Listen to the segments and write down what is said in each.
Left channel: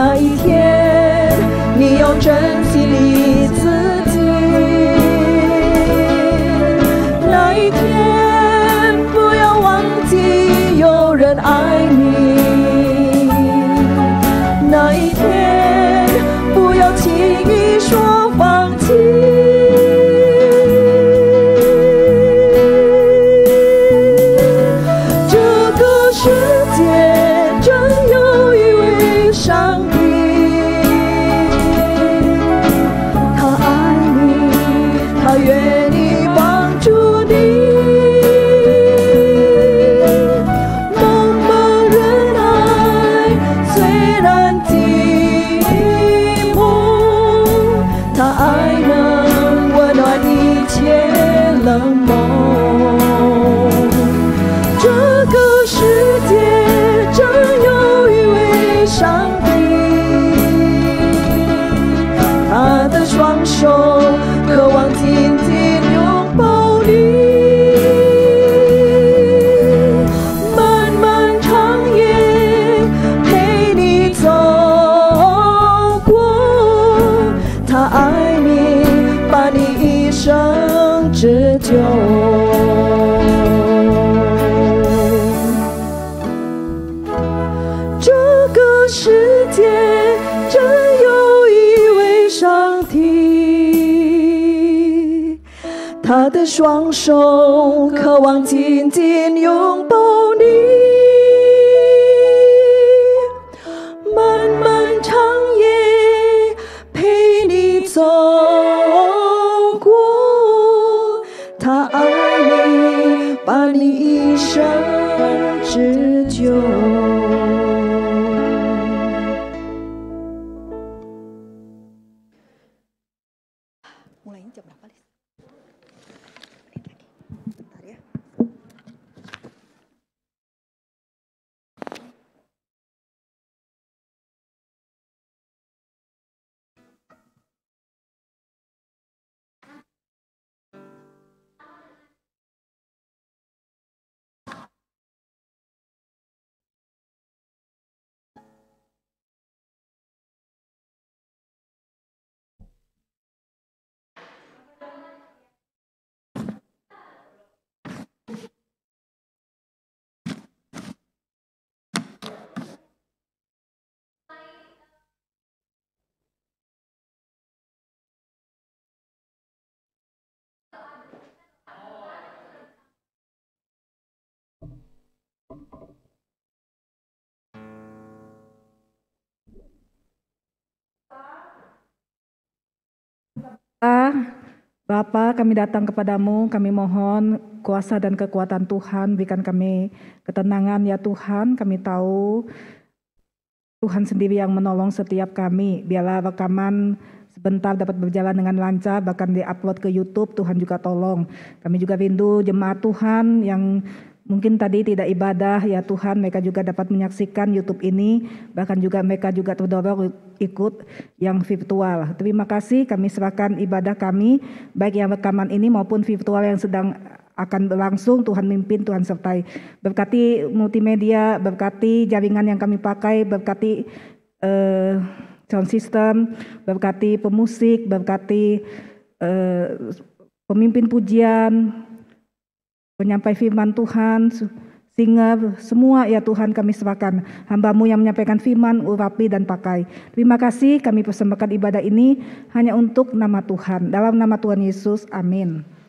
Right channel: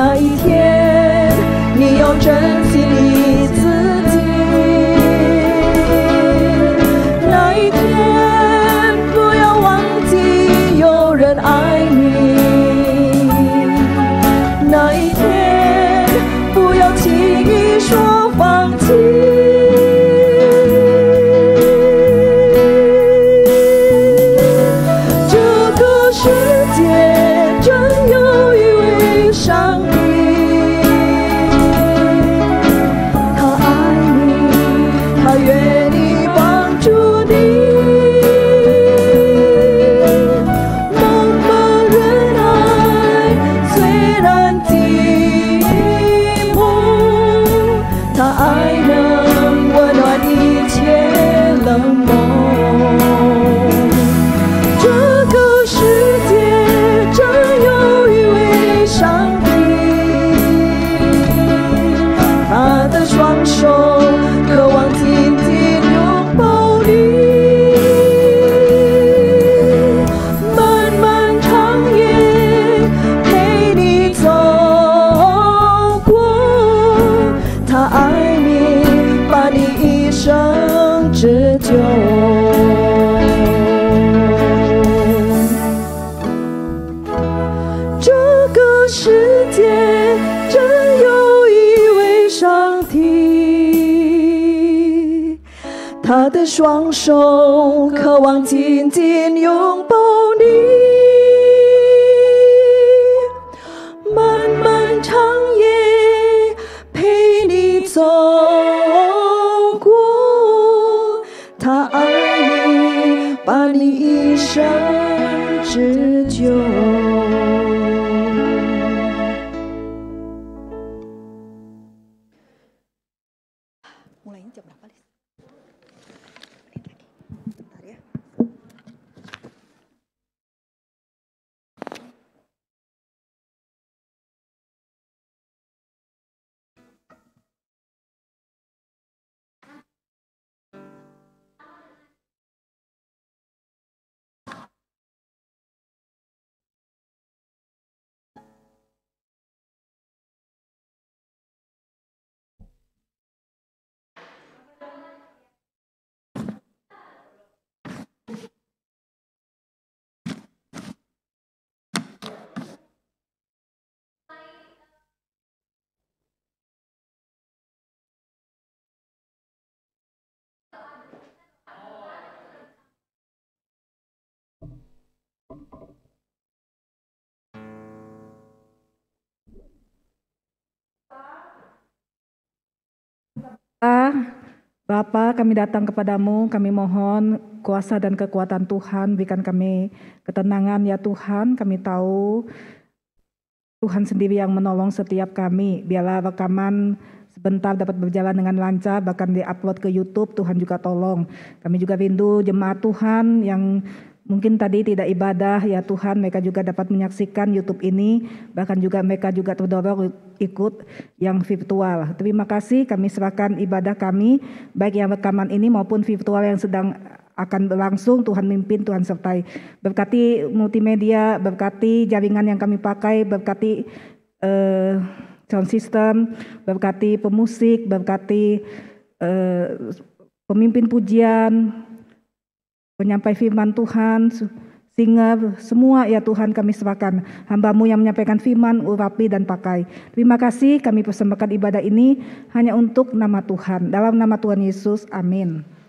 那一天，你要珍惜你自己。那一天，不要忘记有人爱你。那一天，不要轻易说放弃。这个世界真有一位上帝，他爱你，他愿意帮助你。茫茫人海，虽然寂寞，他爱能温暖一切冷漠。这个世界真有一位上帝，他的双手渴望紧紧拥抱你。漫漫长夜陪你走过，他爱你，把你一生织就。这个世界真有一位上帝，他的双手渴望紧紧拥抱你。漫漫长夜陪你走过，他爱你，把你一生织就。Mulainya jam berapa, Lis? Bentar ya. Bapa, kami datang kepadamu, kami mohon kuasa dan kekuatan Tuhan, berikan kami ketenangan ya Tuhan. Kami tahu Tuhan sendiri yang menolong setiap kami. Biarlah rekaman sebentar dapat berjalan dengan lancar, bahkan di-upload ke YouTube, Tuhan juga tolong. Kami juga rindu jemaat Tuhan yang mungkin tadi tidak ibadah ya Tuhan, mereka juga dapat menyaksikan YouTube ini, bahkan juga mereka juga terdorong ikut yang virtual. Terima kasih, kami serahkan ibadah kami, baik yang rekaman ini maupun virtual yang sedang akan berlangsung. Tuhan mimpin, Tuhan sertai. Berkati multimedia, berkati jaringan yang kami pakai, berkati sound system, berkati pemusik, berkati pemimpin pujian, penyampai firman Tuhan, singer, semua ya Tuhan kami serahkan. Hamba-Mu yang menyampaikan firman, urapi dan pakai. Terima kasih, kami persembahkan ibadah ini hanya untuk nama Tuhan. Dalam nama Tuhan Yesus, amin.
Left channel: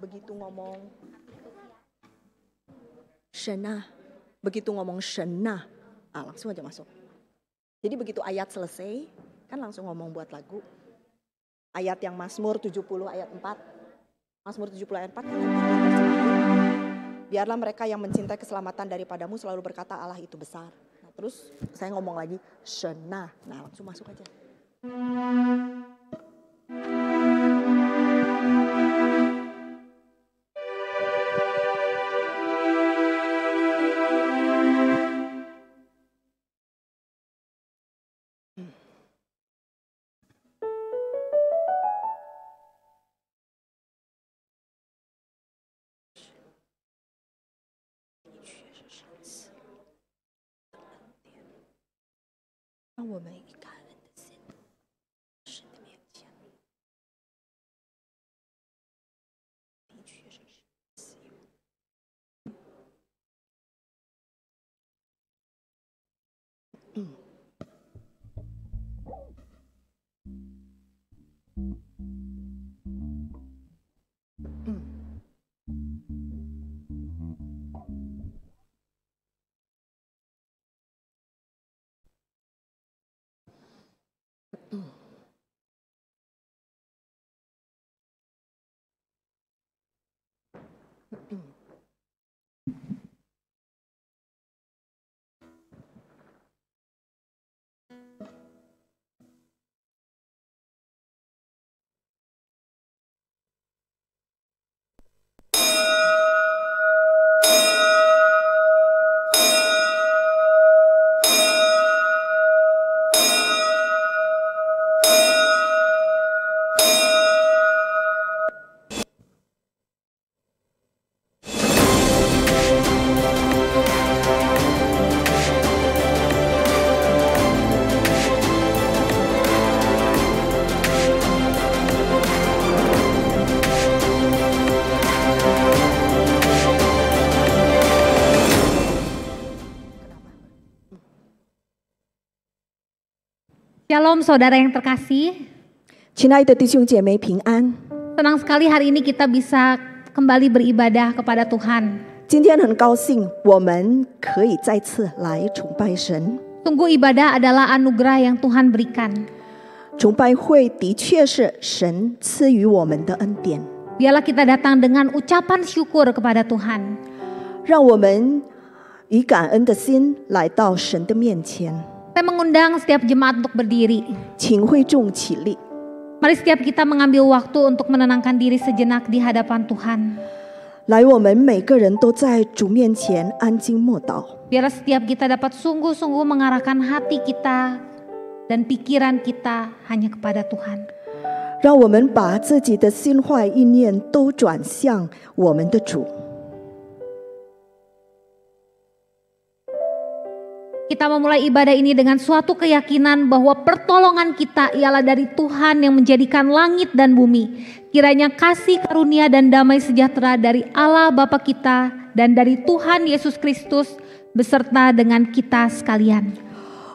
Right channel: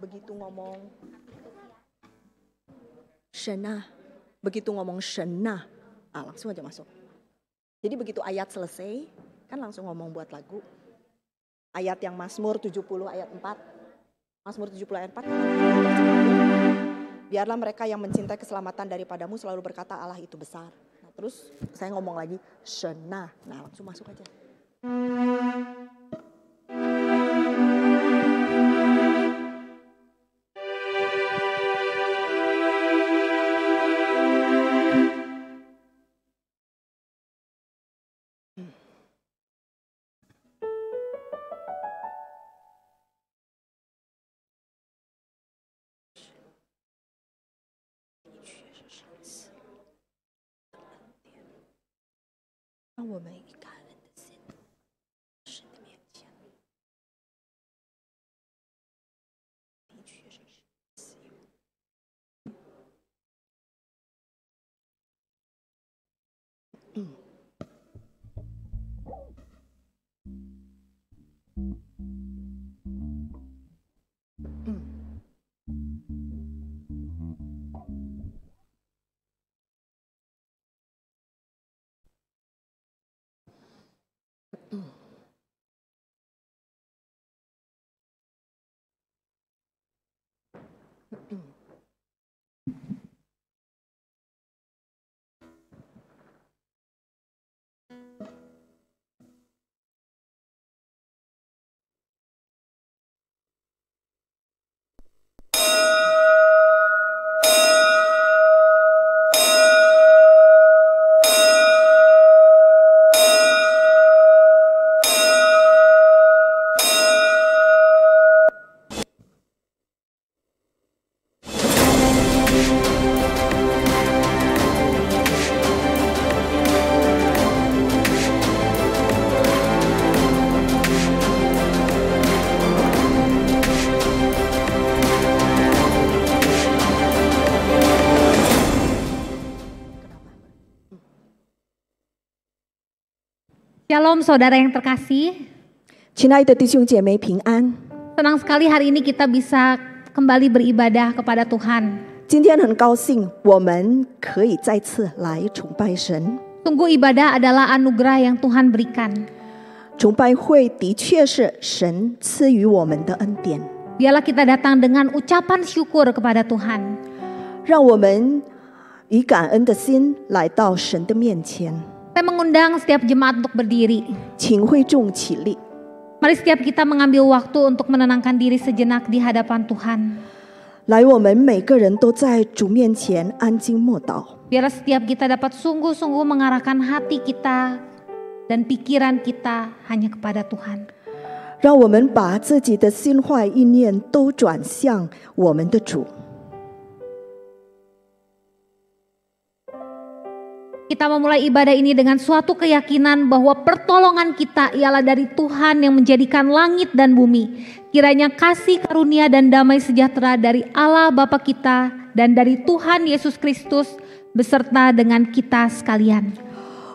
Begitu ngomong Shena, begitu ngomong Shena, langsung aja masuk. Jadi begitu ayat selesai, kan langsung ngomong buat lagu. Ayat yang Mazmur 70 ayat 4. Mazmur 70 ayat 4. Biarlah mereka yang mencintai keselamatan daripadamu selalu berkata Allah itu besar. Nah, Terus saya ngomong lagi, Shena. Nah, langsung masuk aja. Shalom saudara yang terkasih. 亲爱的弟兄姐妹平安。 Senang sekali hari ini kita bisa kembali beribadah kepada Tuhan. 今天很高兴我们可以再次来崇拜神。 Sungguh ibadah adalah anugerah yang Tuhan berikan. 崇拜会的确是神赐予我们的恩典。 Biarlah kita datang dengan ucapan syukur kepada Tuhan. 让我们以感恩的心来到神的面前。 Saya mengundang setiap jemaat untuk berdiri. 请会众起立。 Mari setiap kita mengambil waktu untuk menenangkan diri sejenak di hadapan Tuhan. 来，我们每个人都在主面前安静默祷。 Biarlah setiap kita dapat sungguh-sungguh mengarahkan hati kita dan pikiran kita hanya kepada Tuhan. 让我们把自己的心怀意念都转向我们的主。 Kita memulai ibadah ini dengan suatu keyakinan bahwa pertolongan kita ialah dari Tuhan yang menjadikan langit dan bumi. Kiranya kasih karunia dan damai sejahtera dari Allah Bapa kita dan dari Tuhan Yesus Kristus beserta dengan kita sekalian.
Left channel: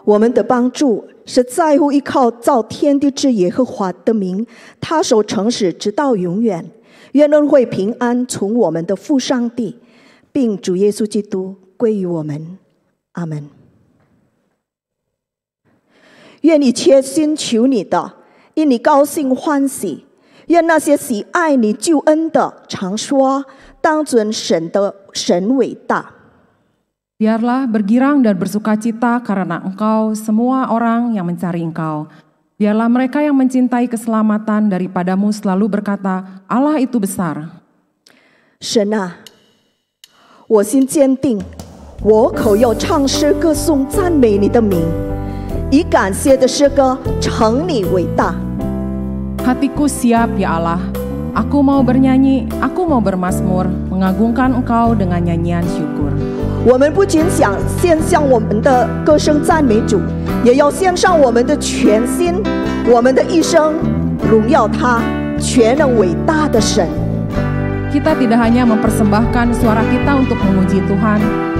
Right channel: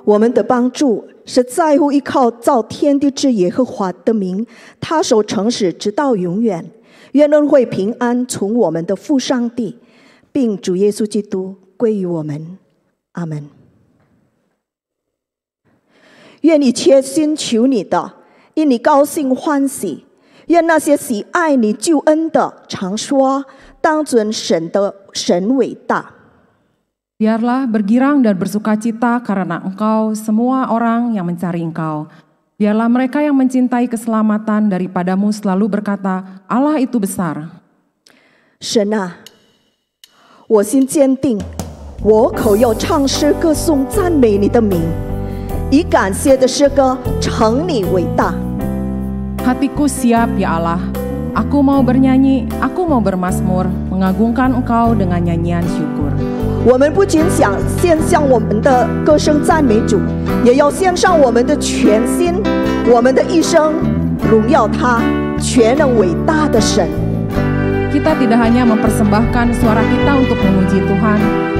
我们的帮助是在乎依靠造天地之耶和华的名，他守诚实直到永远。愿恩惠平安从我们的父上帝，并主耶稣基督归于我们。阿门。 愿你切心求你的，因你高兴欢喜。愿那些喜爱你救恩的，常说：当尊神伟大。 Biarlah bergirang dan bersukacita karena engkau semua orang yang mencari engkau. Biarlah mereka yang mencintai keselamatan daripadamu selalu berkata, Allah itu besar. 神啊，我心坚定，我口要唱诗歌颂赞美你的名。 以感谢的诗歌称你伟大。 Hatiku siap ya Allah, aku mau bernyanyi, aku mau bermazmur, mengagungkan engkau dengan nyanyian syukur. 我们不仅想献上我们的歌声赞美主，也要献上我们的全心，我们的一生，荣耀他全能伟大的神。 Kita tidak hanya mempersembahkan suara kita untuk memuji Tuhan,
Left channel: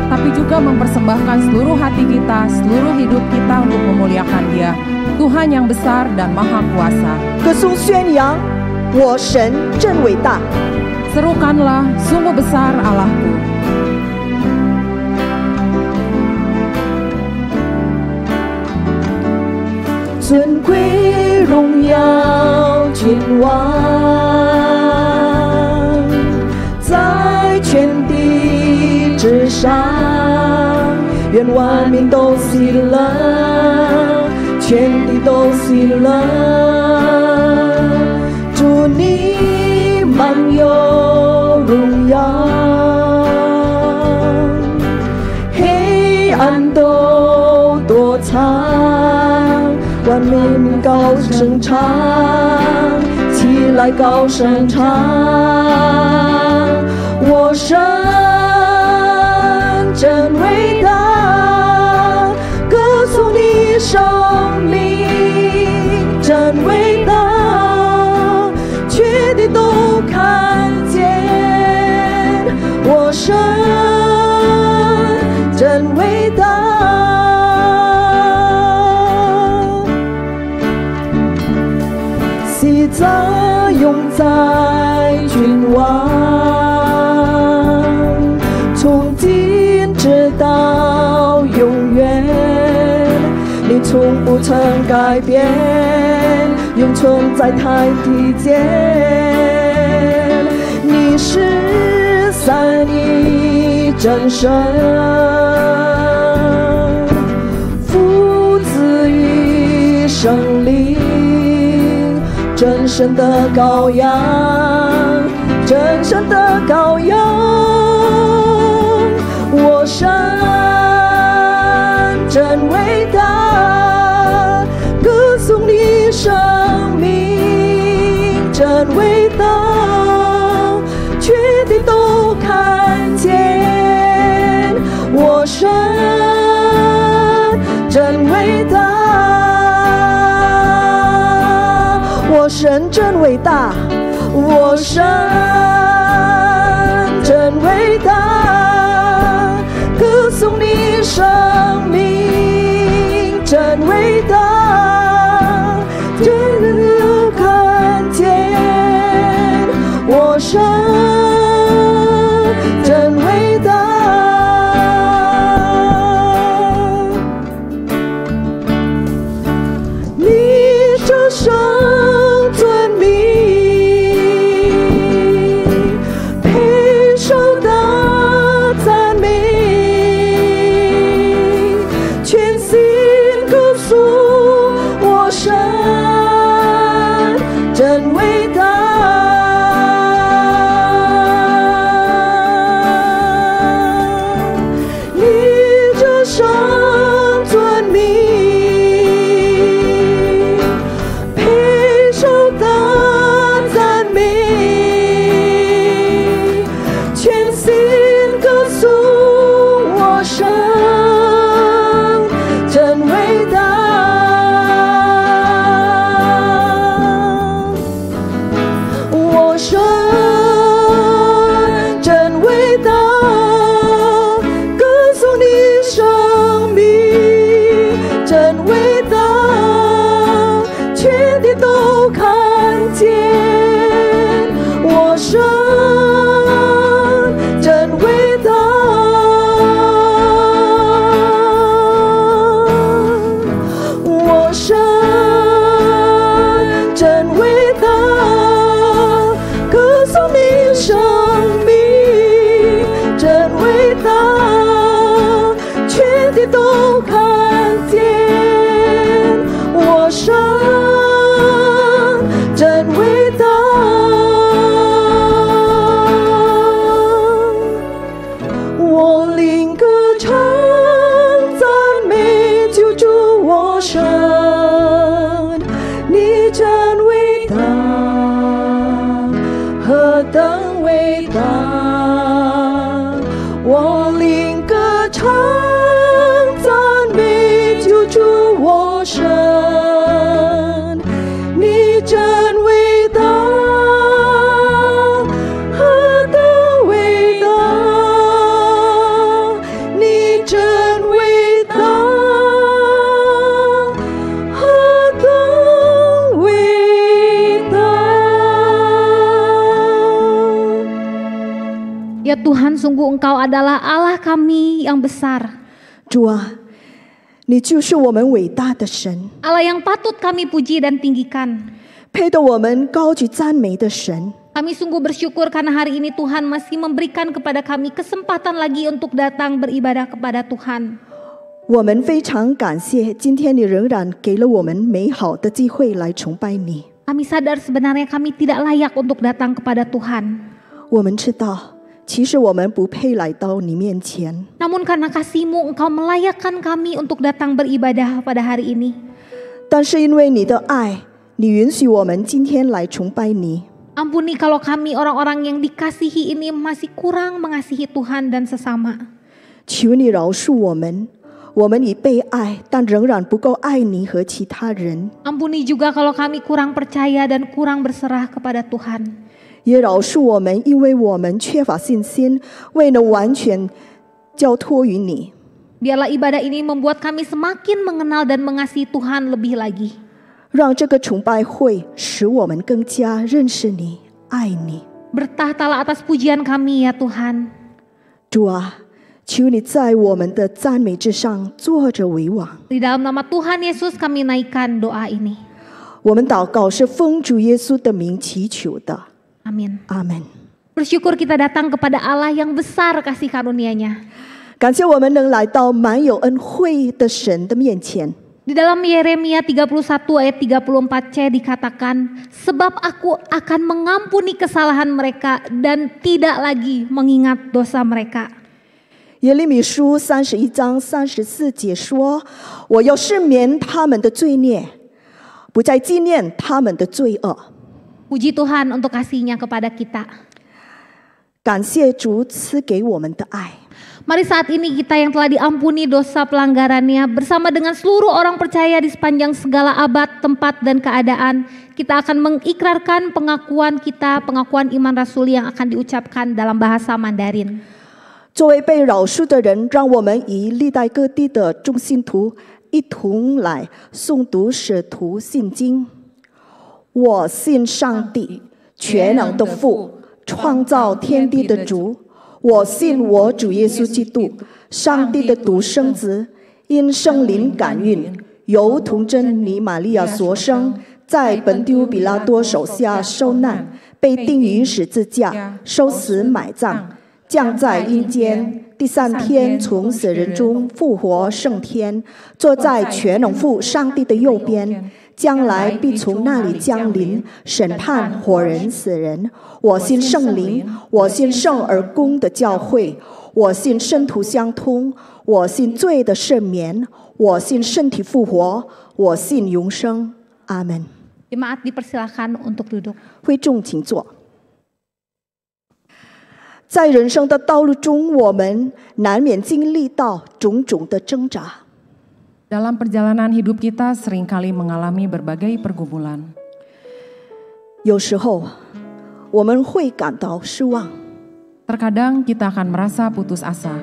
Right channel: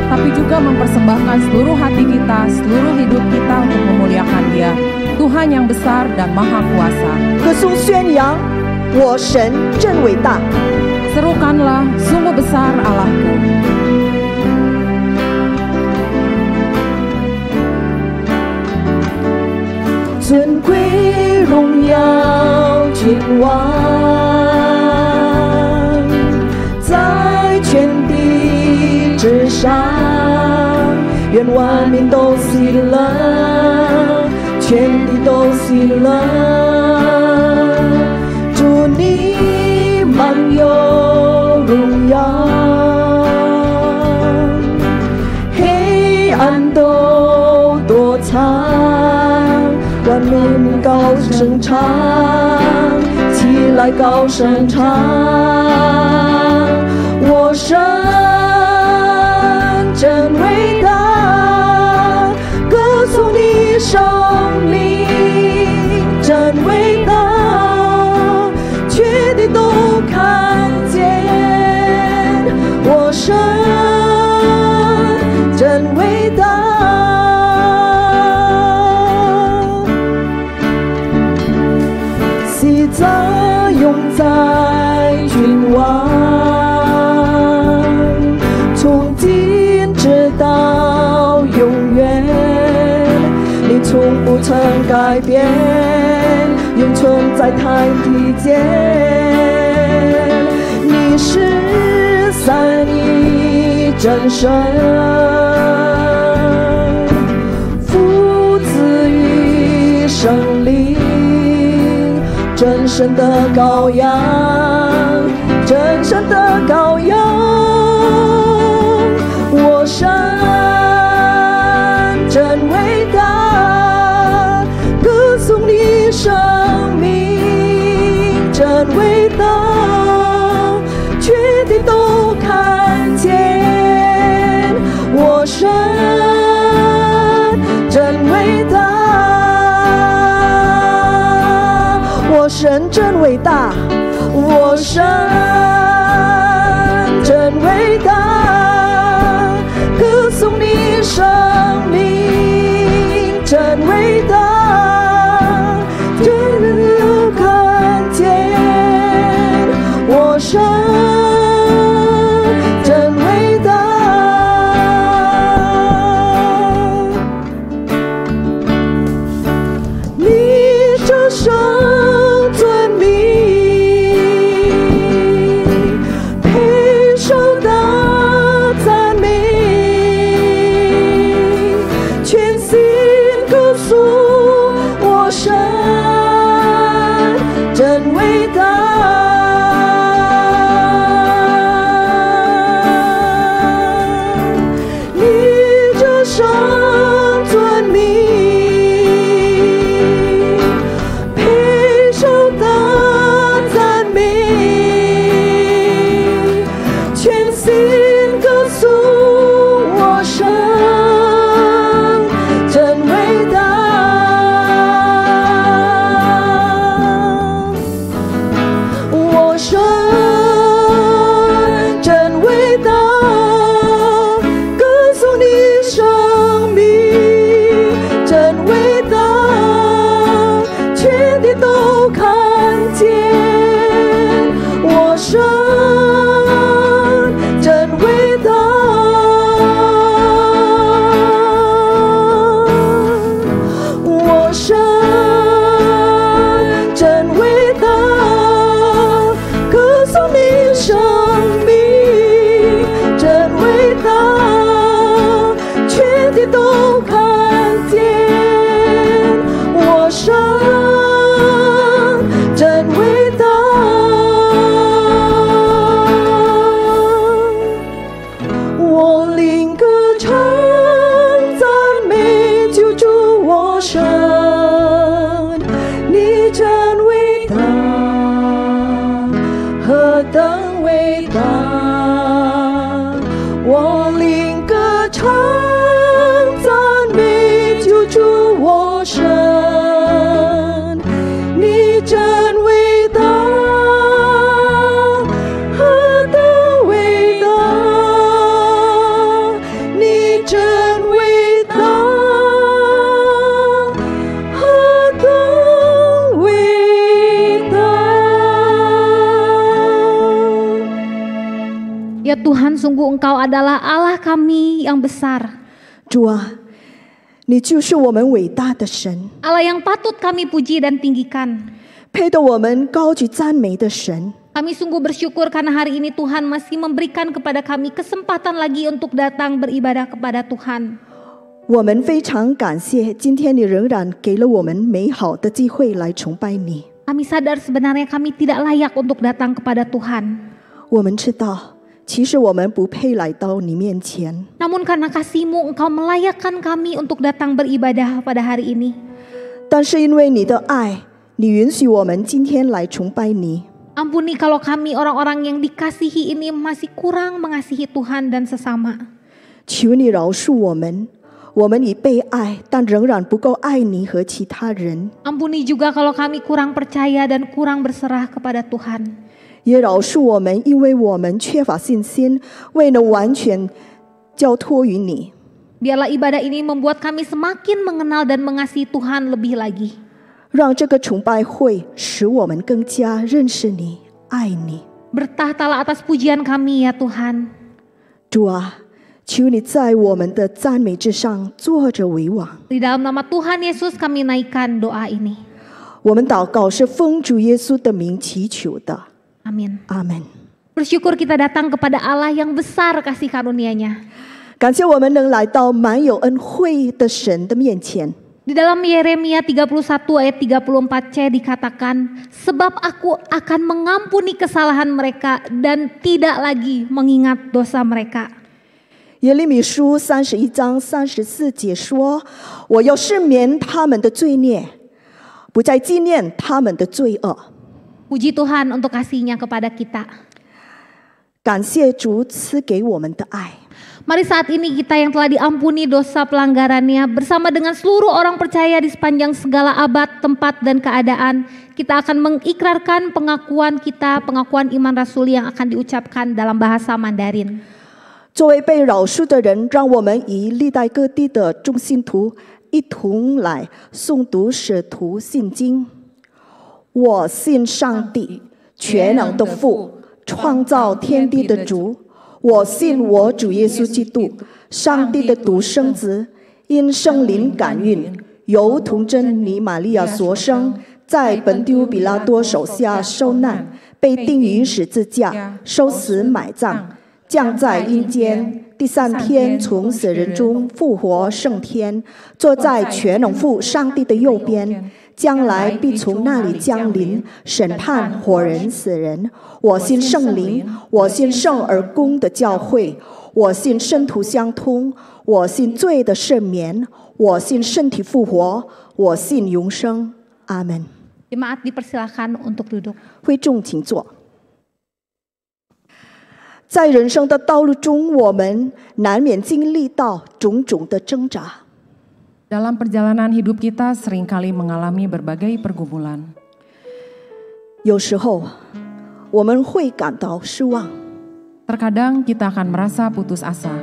tapi juga mempersembahkan seluruh hati kita, seluruh hidup kita untuk memuliakan Dia, Tuhan yang besar dan maha kuasa. 歌颂宣扬我神真伟大。 Serukanlah, sungguh besar Allahku. 尊贵荣耀君王，在全地之上，愿万万民都喜乐，全地都喜乐。主你满有荣耀，黑暗都躲藏，万民高声唱，起来高声唱，我神真伟大，歌颂你生命真伟大，全地都看见我神真伟大。喜乐永在君王，从今直到永远，你从不曾改变，永存在太地间。你是三一真神，父子与圣灵，真神的羔羊，真神的羔羊，我神真伟大，歌颂你生命真伟大，全地都看见我神真伟大。我神真伟大，我神真伟大，歌颂你生命真伟大，人人都看见我神真伟大。你这生尊名，配受到赞美，全心歌颂我神真伟大。你这生尊名，配受到赞美，全心歌颂我神真伟大。我神真伟大，歌颂你生命真伟大，全地都看见我神真伟大。我神真伟大，歌颂你生命真伟大，全地都看见我神真伟大。我灵歌唱赞美救主我神，你真伟大，何等伟大！我灵歌唱赞美救主我神，你真伟大，何等伟大！你真伟大，何等伟大！ Ya Tuhan, sungguh Engkau adalah Allah kami yang besar, 主啊，你就是我们伟大的神， Allah yang patut kami puji dan tinggikan. 配得我们高举赞美的神。 Kami sungguh bersyukur karena hari ini Tuhan masih memberikan kepada kami kesempatan lagi untuk datang beribadah kepada Tuhan. 我们非常感谢今天你仍然给了我们美好的机会来崇拜你。 Kami sadar sebenarnya kami tidak layak untuk datang kepada Tuhan. 我们知道其实我们不配来到你面前， Namun karena kasih-Mu, Engkau melayakkan kami untuk datang beribadah pada hari ini. 但是因为你的爱，你允许我们今天来崇拜你。 Ampuni kalau kami orang-orang yang dikasihi ini masih kurang mengasihi Tuhan dan sesama. 求你饶恕我们，我们已被爱，但仍然不够爱你和其他人。 Ampuni juga kalau kami kurang percaya dan kurang berserah kepada Tuhan. 也饶恕我们，因为我们缺乏信心，未能完全交托于你。 Biarlah ibadah ini membuat kami semakin mengenal dan mengasihi Tuhan lebih lagi. 让这个崇拜会使我们更加认识你、爱你。 Bertahtalah atas pujian kami ya Tuhan. 主啊，求你在我们的赞美之上坐着为王。 Di dalam nama Tuhan Yesus kami naikkan doa ini. 我们祷告是奉主耶稣的名祈求的。 Amin. 阿门。 Bersyukur kita datang kepada Allah yang besar kasih karunia-Nya. 感谢我们能来到满有恩惠的神的面前。 Di dalam Yeremia 31 ayat 34c dikatakan, sebab aku akan mengampuni kesalahan mereka dan tidak lagi mengingat dosa mereka. 耶利米书31章34节说：“我要赦免他们的罪孽，不再纪念他们的罪恶。” Puji Tuhan untuk kasih-Nya kepada kita. 感谢主赐给我们的爱。 Mari saat ini kita yang telah diampuni dosa pelanggarannya bersama dengan seluruh orang percaya di sepanjang segala abad, tempat, dan keadaan, kita akan mengikrarkan pengakuan kita, pengakuan iman rasuli yang akan diucapkan dalam bahasa Mandarin. 作为被饶恕的人，让我们以历代各地的众信徒一同来诵读使徒信经。我信上帝，全能的父，创造天地的主。我信我主耶稣基督，上帝的独生子，因圣灵感孕，由童贞女玛利亚所生，在本丢比拉多手下受难，被钉于十字架，受死埋葬，降在阴间，第3天从死人中复活升天，坐在全能父上帝的右边，将来必从那里降临，审判活人死人。我信圣灵，我信圣而公的教会，我信圣徒相通，我信罪的赦免，我信身体复活，我信永生。阿门。 Jemaat dipersilakan untuk duduk. 会众请坐。在人生的道路中，我们难免经历到种种的挣扎。 Dalam perjalanan hidup kita seringkali mengalami berbagai pergumulan. 有时候我们会感到失望， Terkadang kita akan merasa putus asa.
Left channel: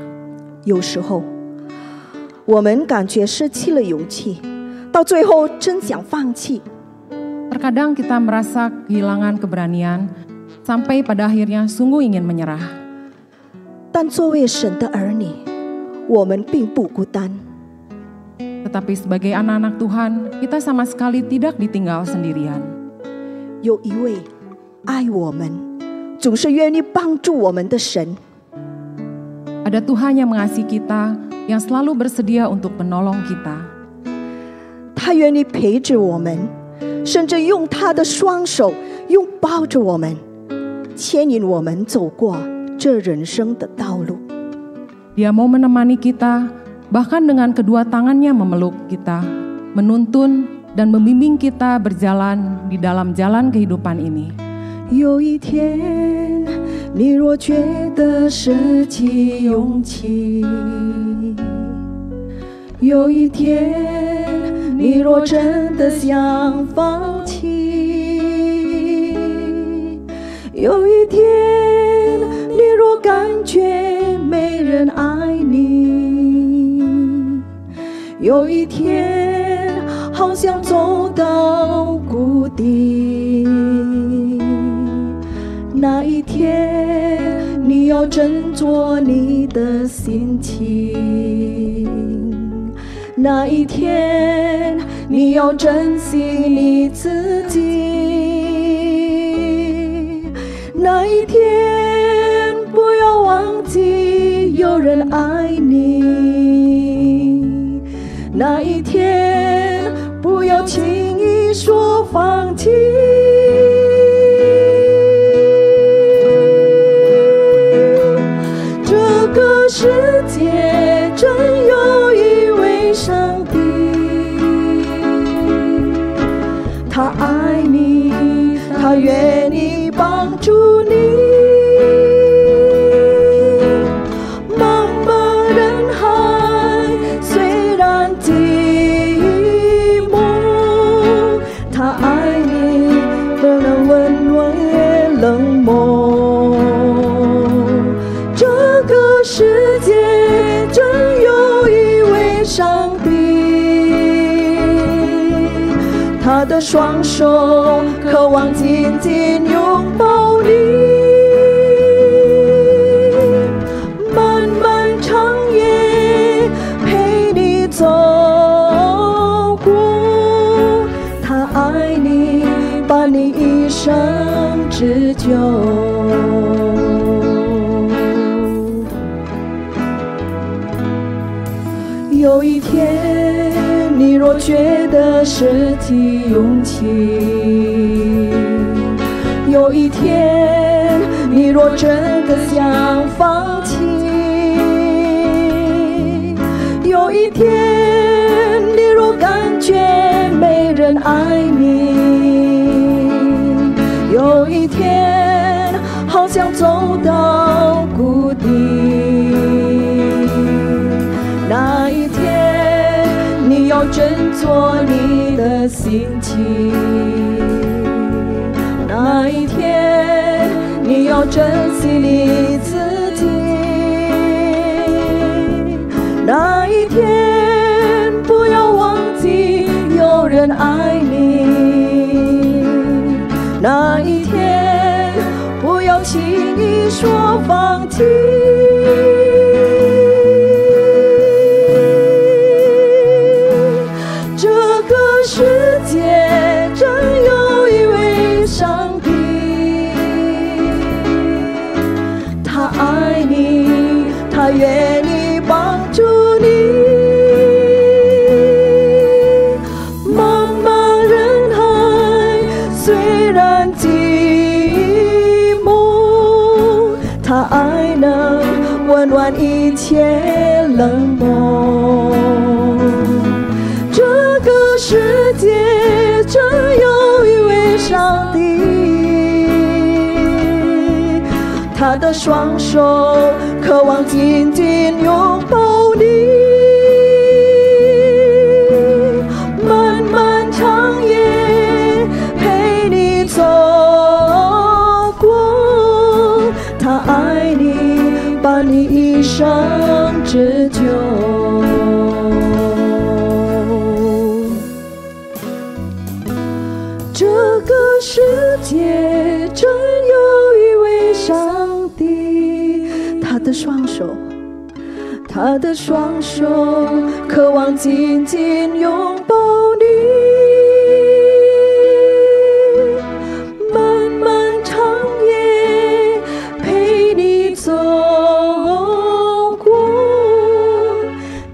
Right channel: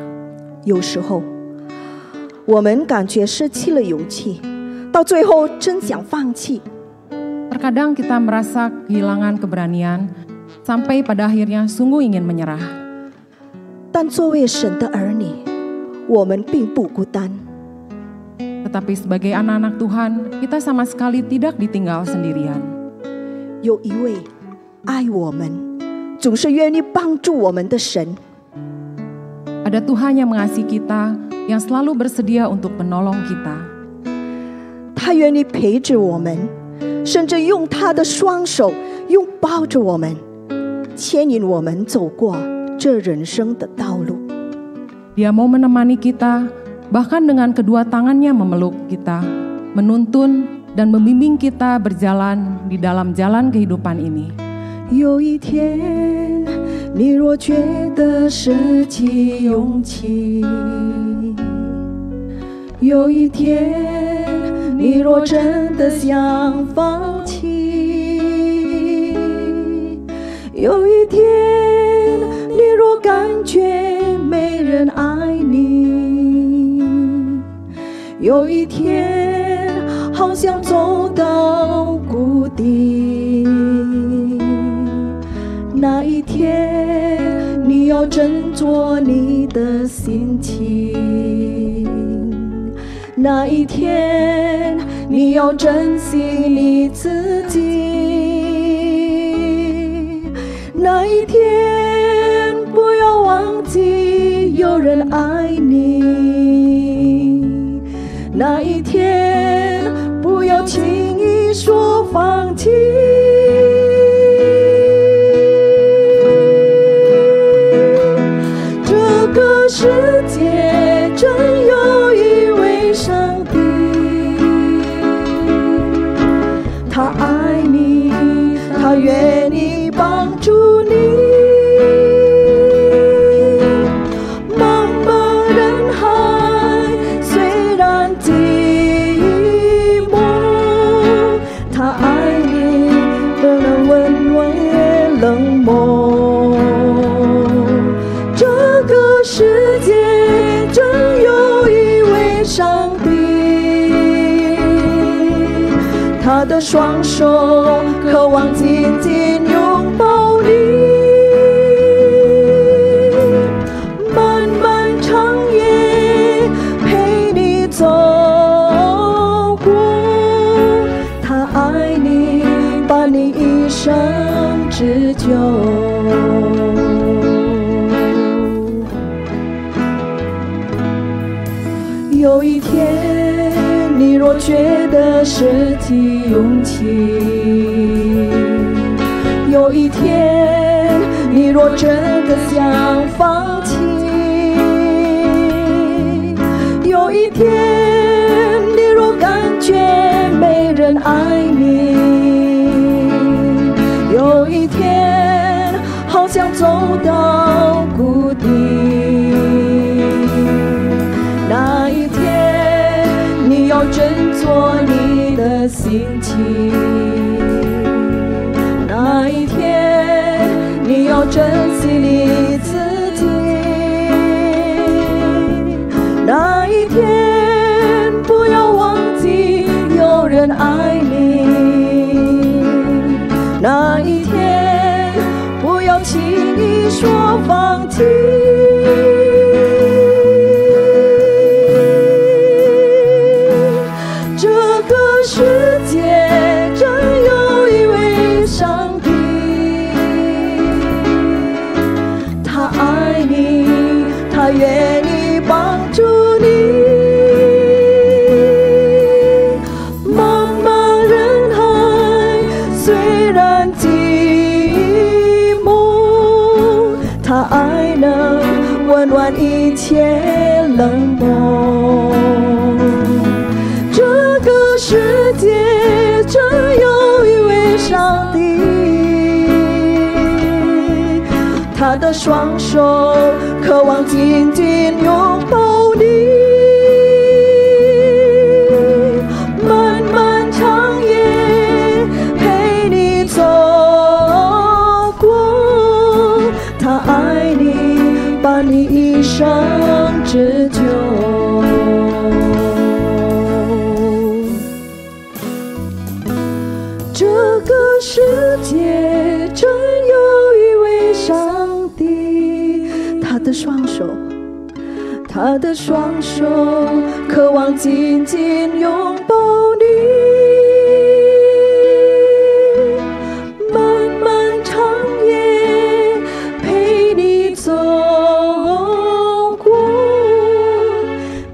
有时候我们感觉失去了勇气，到最后真想放弃。 Terkadang kita merasa kehilangan keberanian, sampai pada akhirnya sungguh ingin menyerah. 但作为神的儿女，我们并不孤单。 Tetapi sebagai anak-anak Tuhan, kita sama sekali tidak ditinggal sendirian. 有一位爱我们，总是愿意帮助我们的神。 Ada Tuhan yang mengasihi kita, yang selalu bersedia untuk menolong kita. 他愿意陪着我们，甚至用他的双手拥抱着我们，牵引我们走过这人生的道路。 Dia mau menemani kita, bahkan dengan kedua tangannya memeluk kita, menuntun dan membimbing kita berjalan di dalam jalan kehidupan ini. 有一天，你若觉得失去勇气，有一天，你若真的想放弃，有一天，你若感觉没人爱你，有一天，好像走到谷底，那一天，你要振作你的心情，那一天，你要珍惜你自己，那一天，不要忘记有人爱你，他的双手渴望紧紧拥抱你，漫漫长夜陪你走过，他爱你，把你一生织就。有一天你若觉得失去勇气，有一天你若真的想放弃，有一天你若感觉没人爱你，有一天好像走到谷底，那一天你要振作你的心情，那一天你要珍惜你自己，那一天不要忘记有人爱你，那一天不要轻易说放弃。这个世界真有一位上帝，他爱你，他愿意帮助你。茫茫人海虽然寂寞，他爱能温暖一切冷漠。这个世界真有一位上帝，他的双手渴望紧紧拥抱你，漫漫长夜陪你走过，他爱你，把你一生织就。这个世界真有一位上帝，他的双手，他的双手渴望紧紧拥抱你，漫漫长夜陪你走过，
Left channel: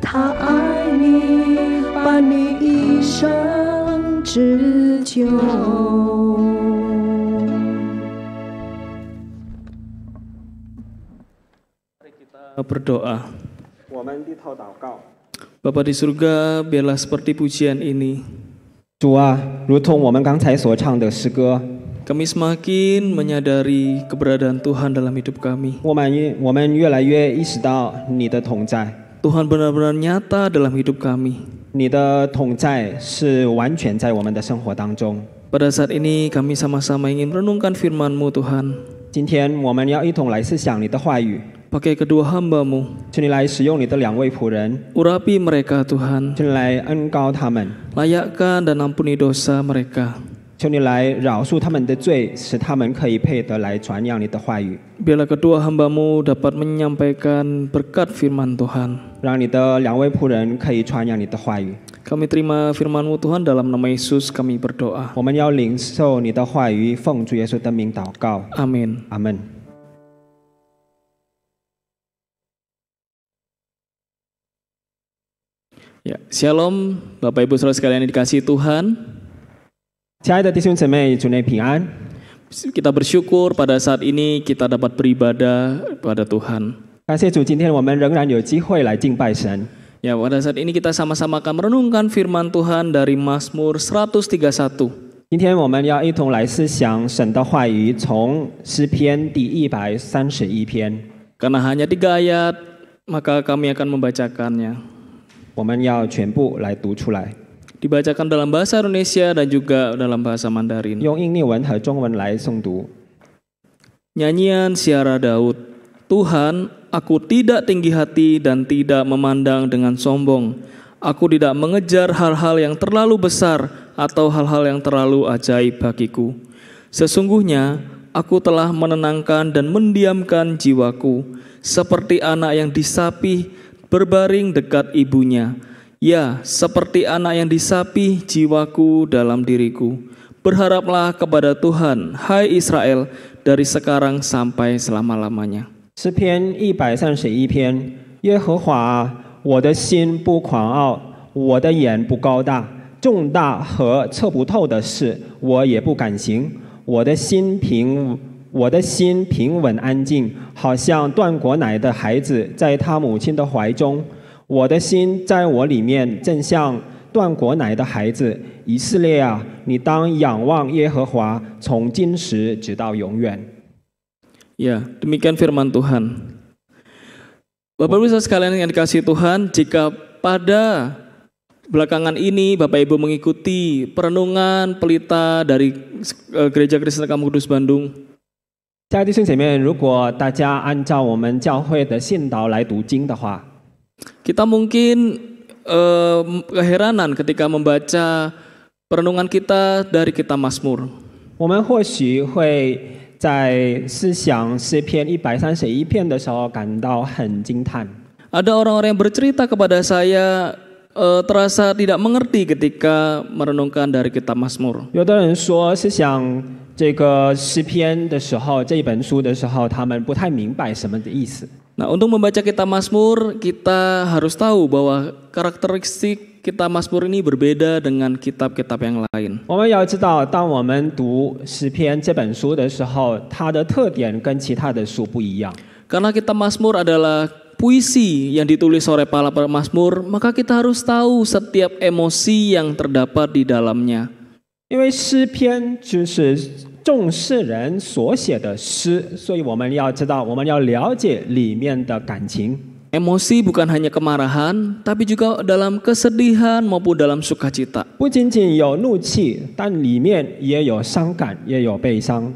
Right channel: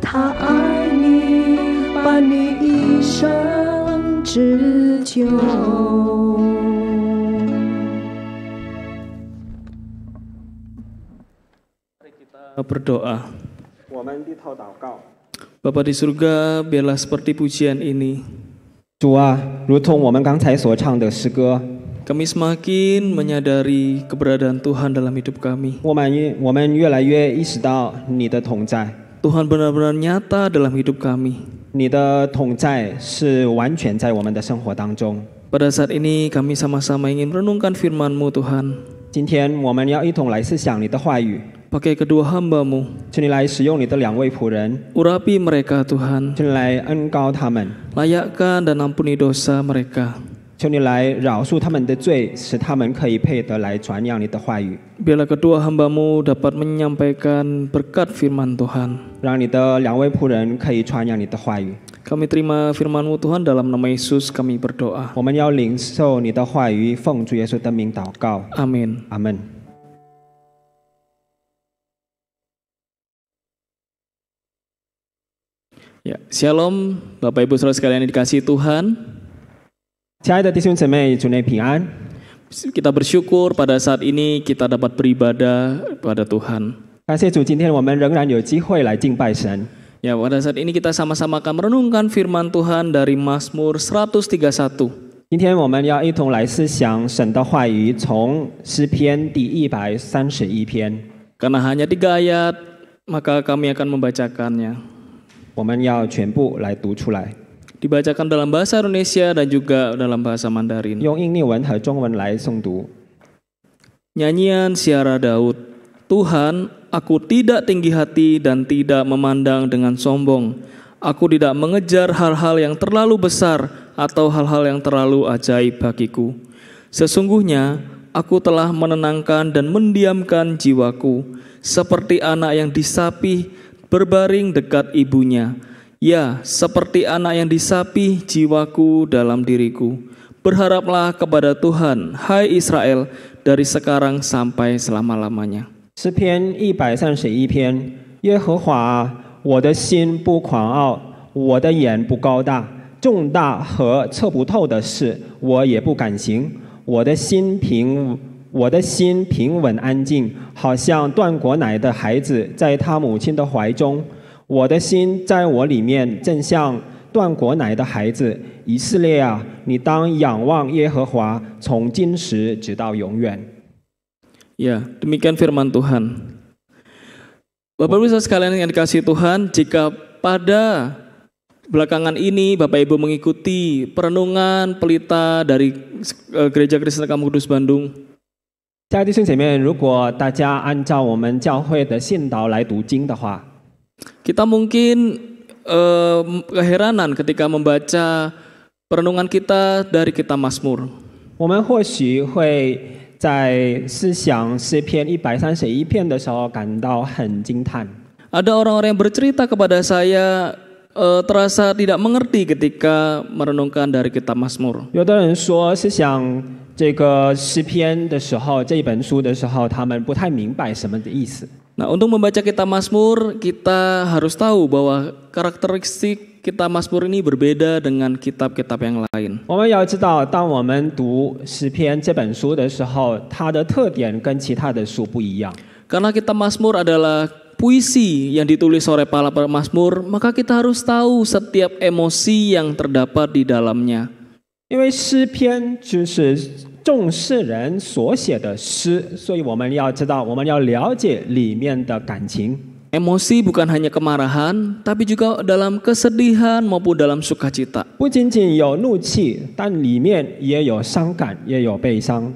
他爱你，把你一生织就。Berdoa. 我们低头祷告。 Bapa di surga, biarlah seperti pujian ini. 主啊，如同我们刚才所唱的诗歌， Kami semakin menyadari keberadaan Tuhan dalam hidup kami. 我们越来越意识到你的同在， Tuhan benar-benar nyata dalam hidup kami. 你的同在是完全在我们的生活当中。 Pada saat ini kami sama-sama ingin merenungkan firman-Mu Tuhan. 今天我们要一同来思想你的话语， Pakai kedua hamba-Mu. 求你来使用你的两位仆人， Urapi mereka Tuhan. 求你来恩膏他们， Layakkan dan ampuni dosa mereka. 求你来饶恕他们的罪，使他们可以配得来传扬你的话语。 Biarlah kedua hamba-Mu dapat menyampaikan berkat firman Tuhan. 让你的两位仆人可以传扬你的话语。 Kami terima firman-Mu Tuhan, dalam nama Yesus kami berdoa. 我们要领受你的话语，奉主耶稣的名祷告， Amin. 阿门。 Ya, Shalom, Bapak Ibu Saudara sekalian yang dikasihi Tuhan. 亲爱的弟兄姊妹，主内平安。 Kita bersyukur pada saat ini kita dapat beribadah pada Tuhan. 感谢主，今天我们仍然有机会来敬拜神。 Ya, pada saat ini kita sama-sama akan merenungkan firman Tuhan dari Mazmur 131. 今天我们要一同来思想神的话语，从诗篇第131篇。 Karena hanya 3 ayat, maka kami akan membacakannya. 我们要全部来读出来， Dibacakan dalam bahasa Indonesia dan juga dalam bahasa Mandarin. 用印尼文和中文来诵读。 Nyanyian Siara Daud. Tuhan, aku tidak tinggi hati dan tidak memandang dengan sombong. Aku tidak mengejar hal-hal yang terlalu besar. atau hal-hal yang terlalu ajaib bagiku. Sesungguhnya aku telah menenangkan dan mendiamkan jiwaku, seperti anak yang disapih berbaring dekat ibunya. Ya, seperti anak yang disapih jiwaku dalam diriku. Berharaplah kepada Tuhan, hai Israel, dari sekarang sampai selama-lamanya. 诗篇131篇，耶和华，我的心不狂傲，我的眼不高大，重大和测不透的事，我也不敢行。我的心平稳安静，好像断过奶的孩子在他母亲的怀中。我的心在我里面，正像断过奶的孩子。以色列啊，你当仰望耶和华，从今时直到永远。 Ya, demikian firman Tuhan. Bapak Ibu sekalian yang dikasihi Tuhan, jika pada belakangan ini Bapak Ibu mengikuti perenungan pelita dari Gereja Kristen Kampung Kudus Bandung, 亲爱的弟兄姐妹，如果大家按照我们教会的信导来读经的话， kita mungkin keheranan ketika membaca perenungan kita dari kitab Mazmur. 我们或许会在思想诗篇131篇的时候感到很惊叹。 Ada orang-orang yang bercerita kepada saya terasa tidak mengerti ketika merenungkan dari kitab Mazmur. 有的人说，思想这个诗篇的时候，这一本书的时候，他们不太明白什么的意思。 Nah, untuk membaca kitab Mazmur, kita harus tahu bahwa karakteristik kitab Mazmur ini berbeda dengan kitab-kitab yang lain. 我们要知道，当我们读诗篇这本书的时候，它的特点跟其他的书不一样。 Karena kitab Mazmur adalah puisi yang ditulis oleh para pemazmur, maka kita harus tahu setiap emosi yang terdapat di dalamnya. 因为诗篇就是众世人所写的诗，所以我们要知道，我们要了解里面的感情。 Emosi bukan hanya kemarahan, tapi juga dalam kesedihan maupun dalam sukacita. 不仅仅有怒气，但里面也有伤感，也有悲伤。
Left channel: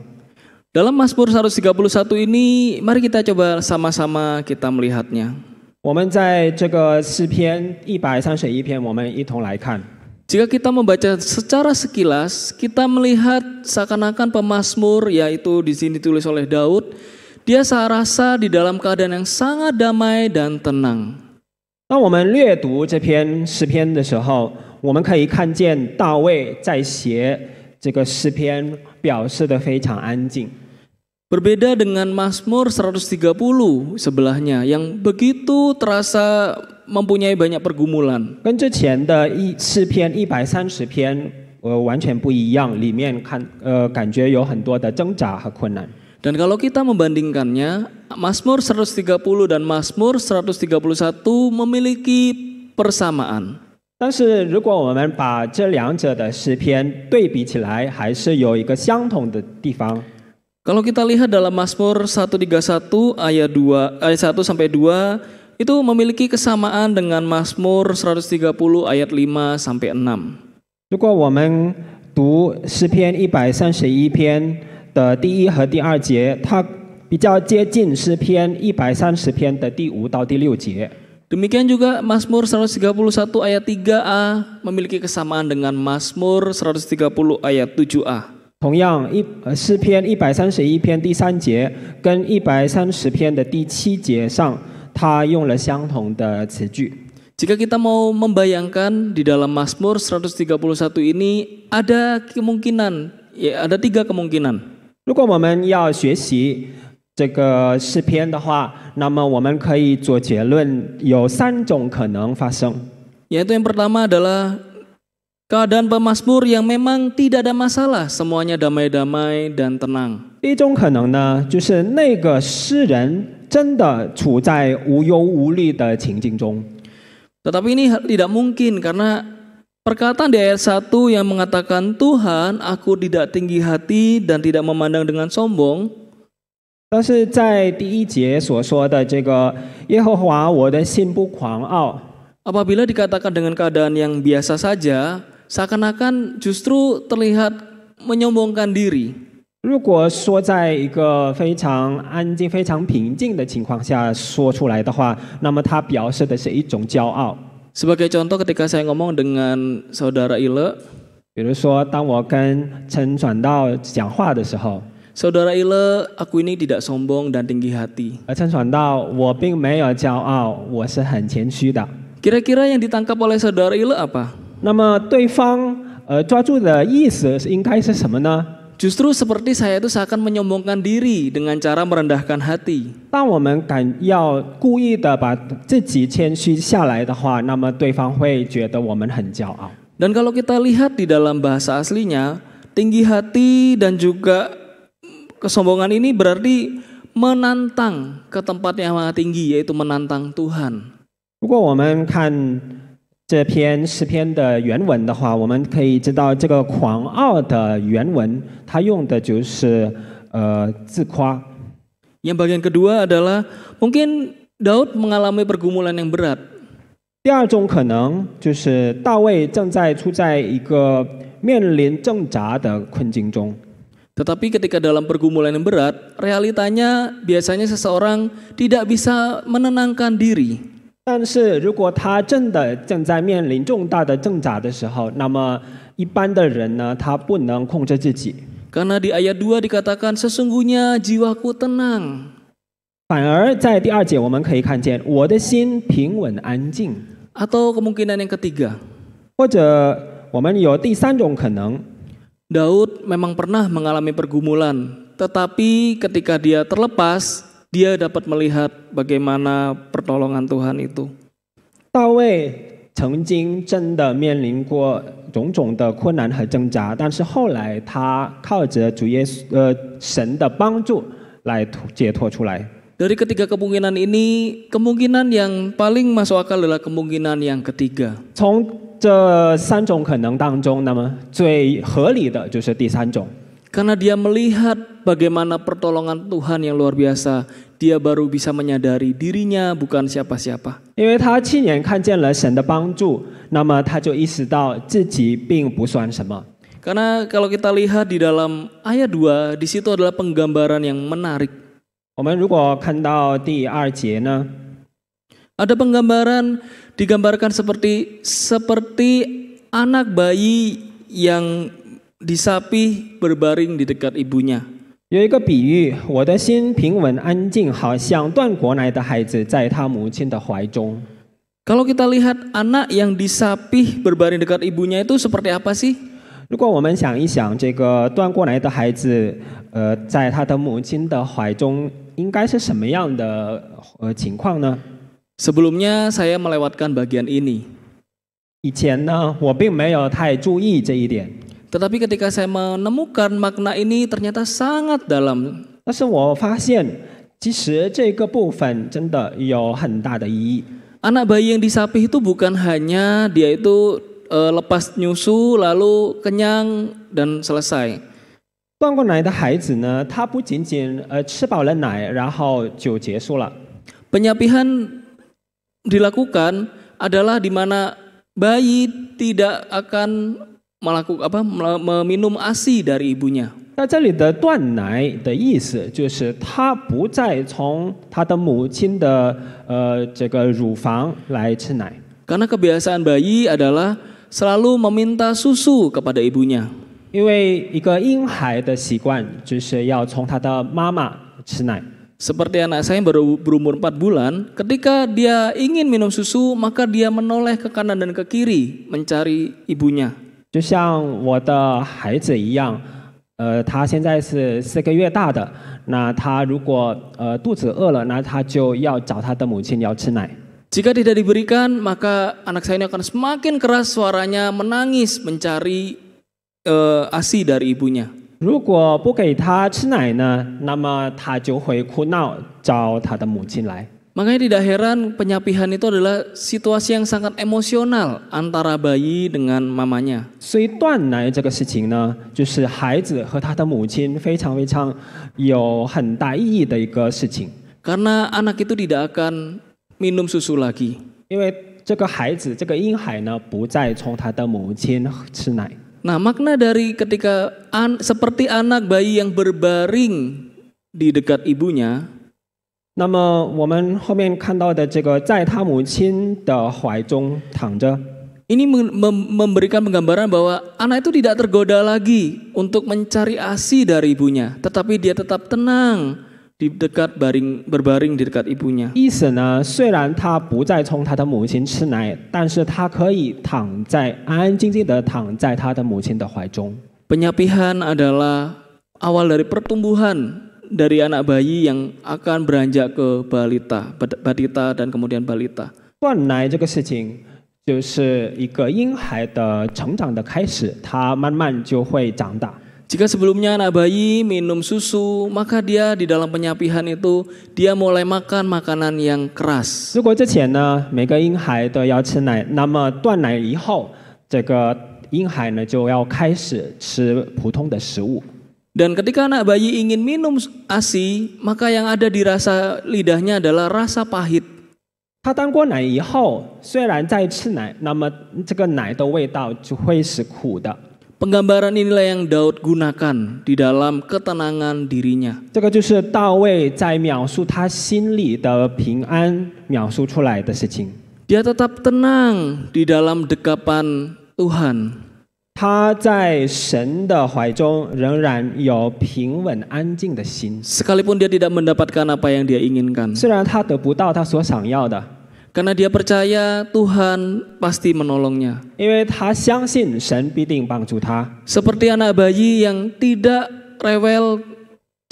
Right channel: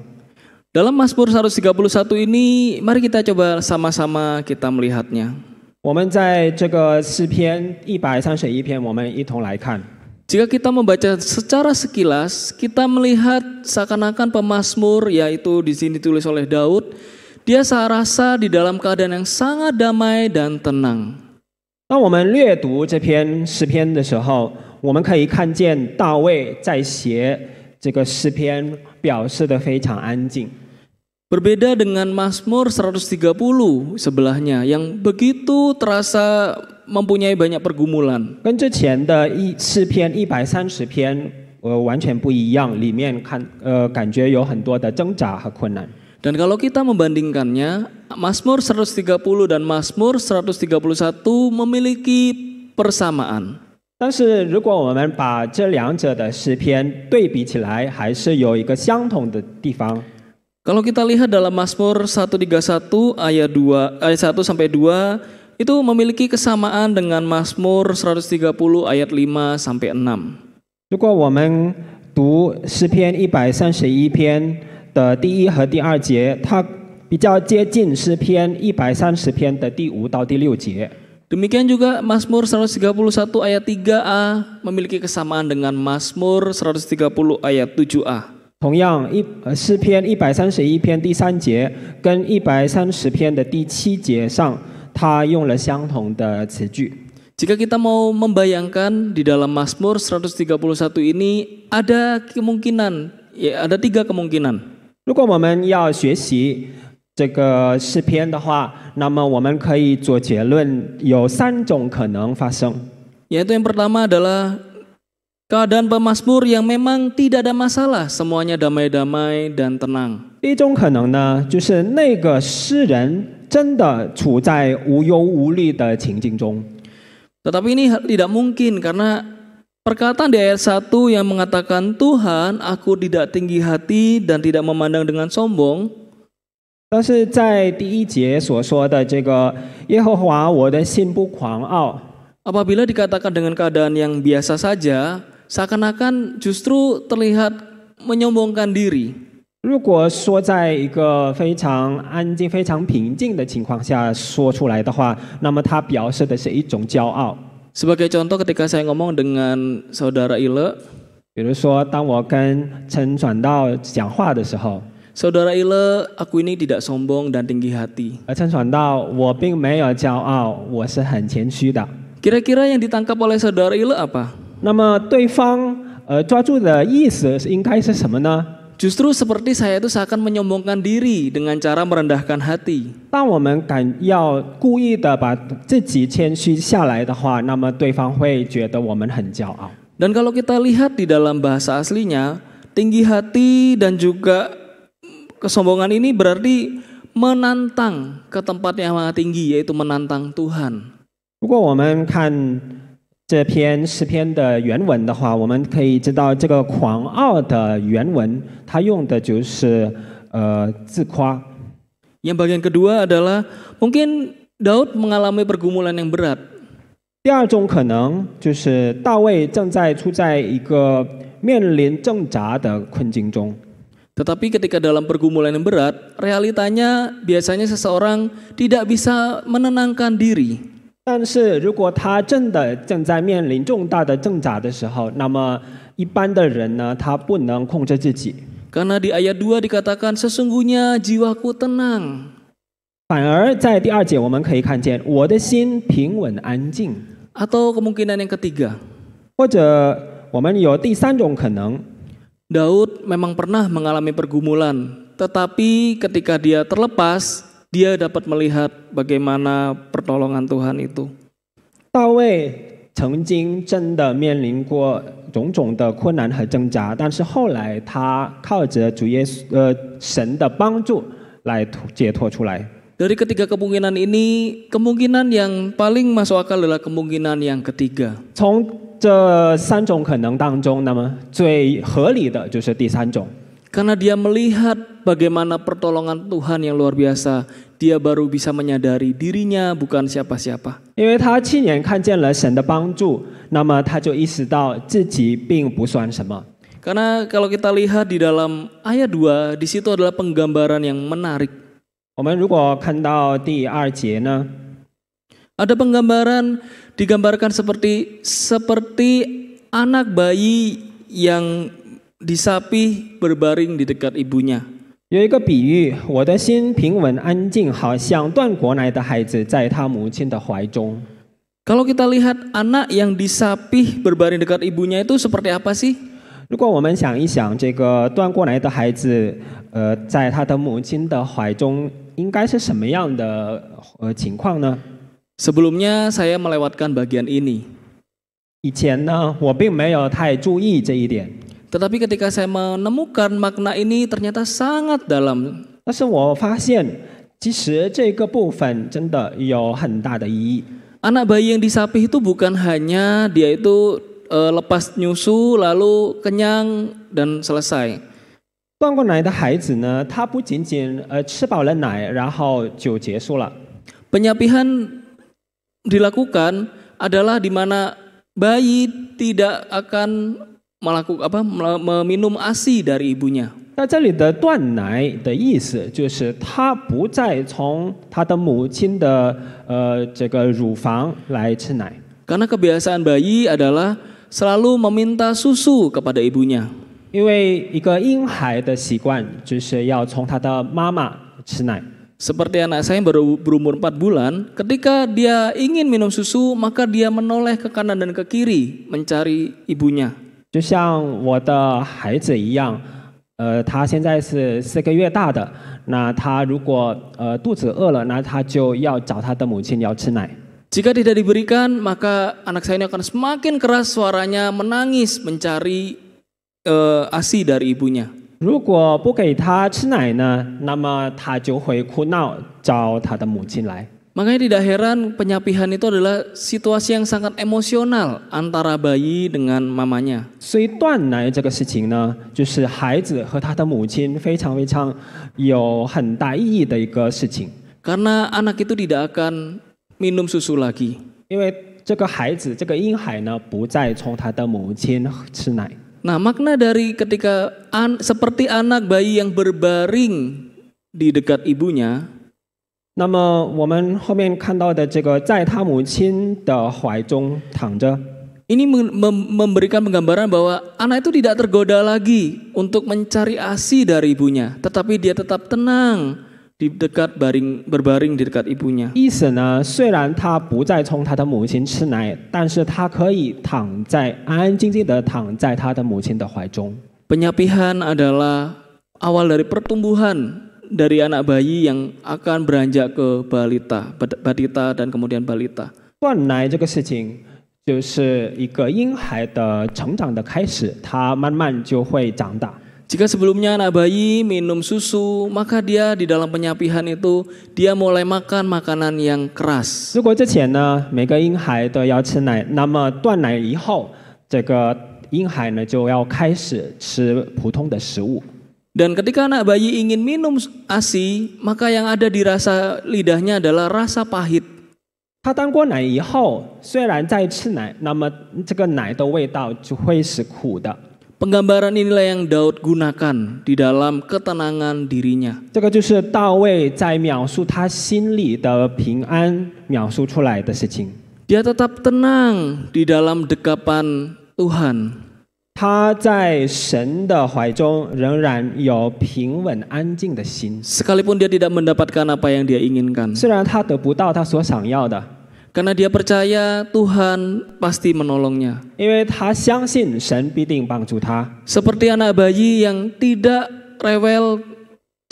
Dalam Mazmur 131 ini, mari kita coba sama-sama kita melihatnya. 我们在这个诗篇131篇，我们一同来看。 Jika kita membaca secara sekilas, kita melihat seakan-akan pemazmur, yaitu di sini ditulis oleh Daud, dia serasa di dalam keadaan yang sangat damai dan tenang. 当我们略读这篇诗篇的时候，我们可以看见大卫在写这个诗篇，表示得非常安静。 Berbeda dengan Mazmur 130 sebelahnya yang begitu terasa mempunyai banyak pergumulan. 跟之前的诗篇130篇完全不一样，里面感觉有很多的挣扎和困难。 Dan kalau kita membandingkannya, Mazmur 130 dan Mazmur 131 memiliki persamaan. 但是如果我们把这两者的诗篇对比起来，还是有一个相同的地方。 Kalau kita lihat dalam Mazmur 131 ayat 1 sampai 2 itu memiliki kesamaan dengan Mazmur 130 ayat 5 sampai 6. 如果我们读诗篇131篇的第1和第2节，它比较接近诗篇130篇的第5到第6节。 Demikian juga Mazmur 131 ayat 3a memiliki kesamaan dengan Mazmur 130 ayat 7a. 同样，诗篇131篇第3节跟130篇的第7节上，它用了相同的词句。 Jika kita mau membayangkan di dalam Mazmur 131 ini ada kemungkinan, ya ada 3 kemungkinan. 如果我们要学习这个诗篇的话，那么我们可以做结论，有3种可能发生。 Yaitu yang pertama adalah keadaan pemazmur yang memang tidak ada masalah, semuanya damai-damai dan tenang. 第一种可能呢，就是那个诗人真的处在无忧无虑的情境中。 Tetapi ini tidak mungkin karena perkataan di ayat 1 yang mengatakan Tuhan, aku tidak tinggi hati dan tidak memandang dengan sombong. 但是在第1节所说的这个耶和华，我的心不狂傲。 Apabila dikatakan dengan keadaan yang biasa saja, seakan-akan justru terlihat menyombongkan diri. 如果说在一个非常安静、非常平静的情况下说出来的话，那么它表示的是一种骄傲。 Sebagai contoh ketika saya ngomong dengan saudara Ile, 比如说，当我跟陈传道讲话的时候， Saudara Ile, aku ini tidak sombong dan tinggi hati. 陈传道，我并没有骄傲，我是很谦虚的。 Kira-kira yang ditangkap oleh saudara Ile apa? 那么对方抓住的意思应该是什么呢？ Justru seperti saya itu seakan menyombongkan diri dengan cara merendahkan hati. 当我们要故意的把自己谦虚下来的话，那么对方会觉得我们很骄傲。 Dan kalau kita lihat di dalam bahasa aslinya, tinggi hati dan juga kesombongan ini berarti menantang ke tempat yang maha tinggi, yaitu menantang Tuhan. 如果我们看这篇诗篇的原文的话，我们可以知道这个狂傲的原文，它用的就是自夸。 Yang bagian kedua adalah mungkin Daud mengalami pergumulan yang berat. 第二种可能就是大卫正在处在一个面临挣扎的困境中。 Tetapi ketika dalam pergumulan yang berat, realitanya biasanya seseorang tidak bisa menenangkan diri. 但是如果他真的正在面临重大的挣扎的时候，那么一般的人呢，他不能控制自己。 Karena di ayat 2 dikatakan sesungguhnya jiwaku tenang. 反而在第二节我们可以看见，我的心平稳安静。 Atau kemungkinan yang ketiga, 或者我们有第三种可能， Daud memang pernah mengalami pergumulan, tetapi ketika dia terlepas, dia dapat melihat bagaimana pertolongan Tuhan itu. 大卫曾经真的面临过种种的困难和挣扎，但是后来他靠着主耶稣神的帮助来解脱出来。 Dari ketiga kemungkinan ini, kemungkinan yang paling masuk akal adalah kemungkinan yang ketiga. 从这三种可能当中，那么最合理的就是第三种。 Karena dia melihat bagaimana pertolongan Tuhan yang luar biasa, dia baru bisa menyadari dirinya bukan siapa-siapa. 因为他亲眼看见了神的帮助，那么他就意识到自己并不算什么。 Karena kalau kita lihat di dalam ayat 2, di situ adalah penggambaran yang menarik. 我们如果看到第二节呢， Ada penggambaran digambarkan seperti anak bayi yang disapih berbaring di dekat ibunya. 有一个比喻，我的心平稳安静，好像断过奶的孩子在他母亲的怀中。 Kalau kita lihat anak yang disapih berbaring dekat ibunya itu seperti apa sih? 如果我们想一想，这个断过奶的孩子，在他的母亲的怀中，应该是什么样的情况呢？ Sebelumnya saya melewatkan bagian ini. 以前呢，我并没有太注意这一点， Tetapi ketika saya menemukan makna ini ternyata sangat dalam. 但是我发现，其实这个部分真的有很大的意义。 Anak bayi yang disapih itu bukan hanya dia itu lepas nyusu lalu kenyang dan selesai. 断过奶的孩子呢，他不仅仅吃饱了奶，然后就结束了。 Penyapihan dilakukan adalah di mana bayi tidak akan meminum ASI dari ibunya. 那这里的断奶的意思就是他不再从他的母亲的这个乳房来吃奶。 Karena kebiasaan bayi adalah selalu meminta susu kepada ibunya. 因为一个婴孩的习惯就是要从他的妈妈吃奶。 Seperti anak saya yang baru berumur 4 bulan, ketika dia ingin minum susu, maka dia menoleh ke kanan dan ke kiri mencari ibunya. 就像我的孩子一样，他现在是4个月大的，那他如果肚子饿了，那他就要找他的母亲要吃奶。 Jika tidak diberikan, maka anak saya ini akan semakin keras suaranya menangis mencari ASI dari ibunya. 如果不给他吃奶呢，那么他就会哭闹找他的母亲来。 Makanya tidak heran penyapihan itu adalah situasi yang sangat emosional antara bayi dengan mamanya. 所以断奶这个事情呢，就是孩子和他的母亲非常有很大意义的一个事情。 Karena anak itu tidak akan minum susu lagi. 因为这个孩子，这个婴孩呢，不再从他的母亲吃奶。 Nah, makna dari ketika seperti anak bayi yang berbaring di dekat ibunya, 那么我们后面看到的这个在他母亲的怀中躺着， Ini memberikan penggambaran bahwa anak itu tidak tergoda lagi untuk mencari ASI dari ibunya, tetapi dia tetap tenang di dekat berbaring di dekat ibunya. 意思呢，虽然他不再从他的母亲吃奶，但是他可以安安静静的躺在他的母亲的怀中。 Penyapihan adalah awal dari pertumbuhan dari anak bayi yang akan beranjak ke batita dan kemudian balita. 断奶这个事情就是一个婴孩的成长的开始，他慢慢就会长大。 Jika sebelumnya anak bayi minum susu, maka dia di dalam penyapihan itu dia mulai makan makanan yang keras. 如果之前呢，每个婴孩都要吃奶，那么断奶以后，这个婴孩呢就要开始吃普通的食物。 Dan ketika anak bayi ingin minum ASI, maka yang ada di rasa lidahnya adalah rasa pahit. 他当过奶以后，虽然在吃奶，那么这个奶的味道就会是苦的。 Penggambaran inilah yang Daud gunakan di dalam ketenangan dirinya. 这个就是大卫在描述他心里的平安描述出来的事情。 Dia tetap tenang di dalam dekapan Tuhan. 他在神的怀中仍然有平稳安静的心， Sekalipun dia tidak mendapatkan apa yang dia inginkan. 虽然他得不到他所想要的， Karena dia percaya Tuhan pasti menolongnya. 因为他相信神必定帮助他。 Seperti anak bayi yang tidak rewel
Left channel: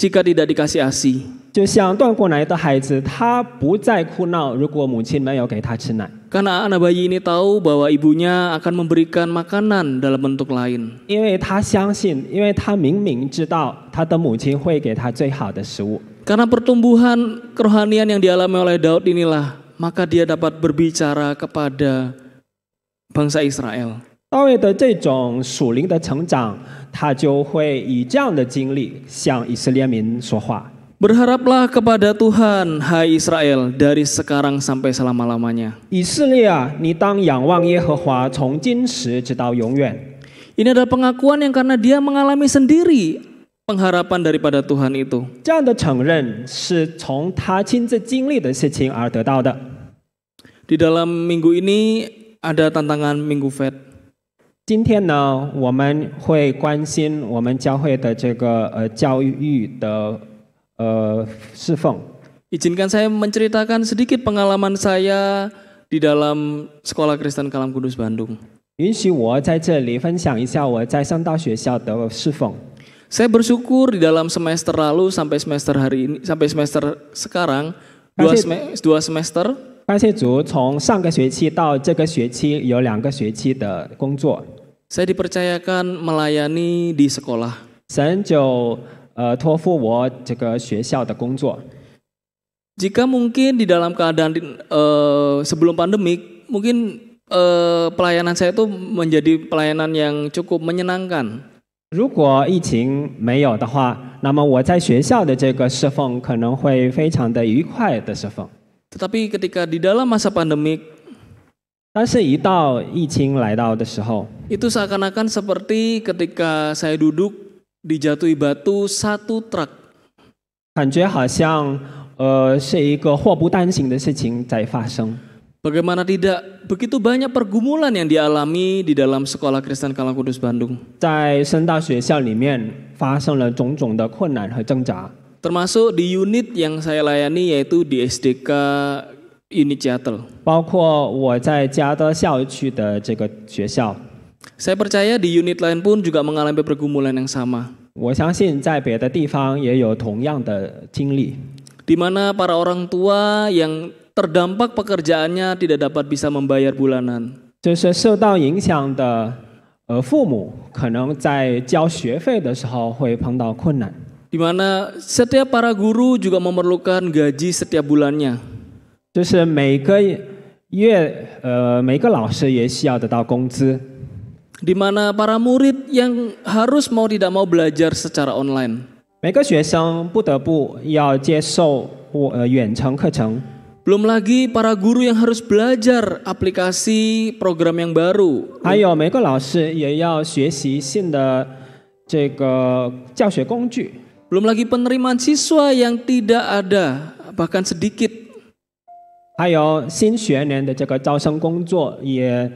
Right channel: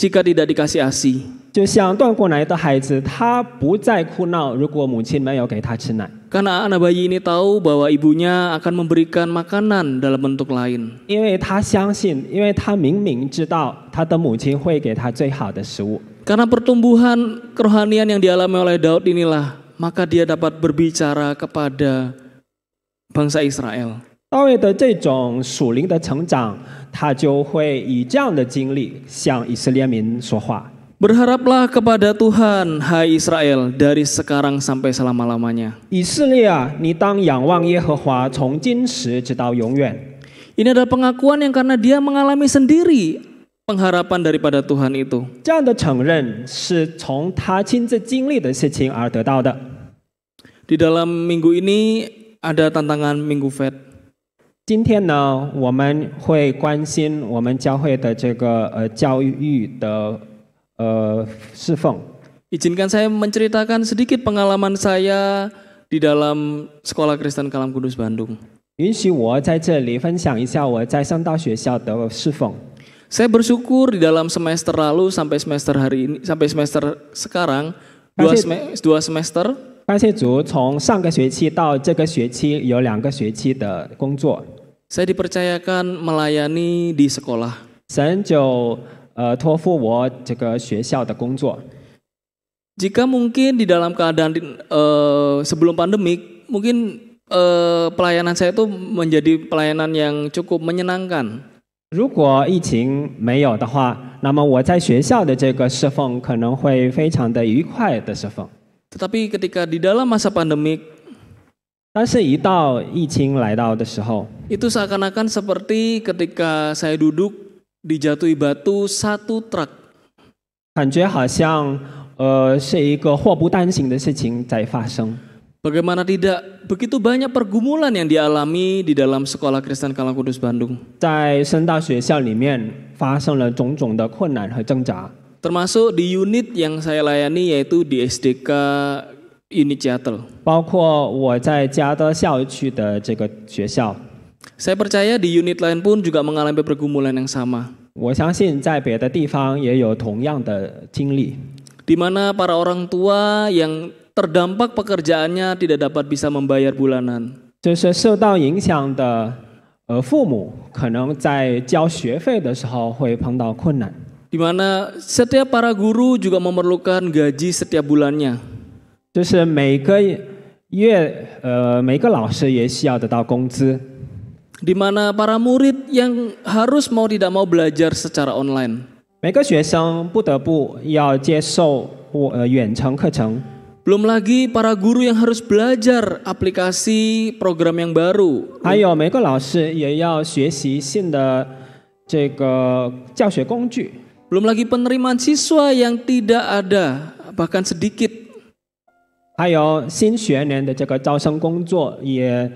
jika tidak dikasih ASI. 就像断过奶的孩子，他不再哭闹，如果母亲没有给他吃奶。 Karena anak bayi ini tahu bahwa ibunya akan memberikan makanan dalam bentuk lain. 因为他相信，因为他明明知道他的母亲会给他最好的食物。 Karena pertumbuhan kerohanian yang dialami oleh Daud inilah, maka dia dapat berbicara kepada bangsa Israel. 大卫的这种属灵的成长，他就会以这样的经历向以色列民说话。 Berharaplah kepada Tuhan, hai Israel, dari sekarang sampai selama-lamanya. 以色列啊，你当仰望耶和华，从今时直到永远。 Ini adalah pengakuan yang karena dia mengalami sendiri pengharapan daripada Tuhan itu. 这样的承认是从他亲自经历的事情而得到的。 Di dalam minggu ini ada tantangan Minggu Fed. 今天呢，我们会关心我们教会的这个教育的侍奉。 Izinkan saya menceritakan sedikit pengalaman saya di dalam Sekolah Kristen Kalam Kudus Bandung. 允许我在这里分享一下我在圣道学校的侍奉。 Saya bersyukur di dalam semester lalu sampai semester hari ini, sampai semester sekarang, dua semester. 感谢主，从上个学期到这个学期有2个学期的工作， Saya dipercayakan melayani di sekolah. 神就托付我这个学校的工作。 Jika mungkin di dalam keadaan sebelum pandemik, mungkin pelayanan saya itu menjadi pelayanan yang cukup menyenangkan. 如果疫情没有的话，那么我在学校的这个侍奉可能会非常的愉快的侍奉。 Tetapi ketika di dalam masa pandemik, 但是一到疫情来到的时候， itu seakan-akan seperti ketika saya duduk dijatuhi batu satu truk. 感觉好像是一个祸不单行的事情在发生。 Bagaimana tidak, begitu banyak pergumulan yang dialami di dalam Sekolah Kristen Kalam Kudus Bandung. 在圣道学校里面发生了种种的困难和挣扎， Termasuk di unit yang saya layani yaitu di SDK Unit Seattle. 包括我在加德校区的这个学校。 Saya percaya di unit lain pun juga mengalami pergumulan yang sama. 我相信在别的地方也有同样的经历， Di mana para orang tua yang terdampak pekerjaannya tidak dapat bisa membayar bulanan. 就是受到影响的父母可能在交学费的时候会碰到困难， Di mana setiap para guru juga memerlukan gaji setiap bulannya. 就是每个老师也需要得到工资， Di mana para murid yang harus mau tidak mau belajar secara online. 每个学生不得不要接受远程课程。 Belum lagi para guru yang harus belajar aplikasi program yang baru. 还有每个老师也要学习新的这个教学工具， Belum lagi penerimaan siswa yang tidak ada, bahkan sedikit. 还有新学年的这个招生工作也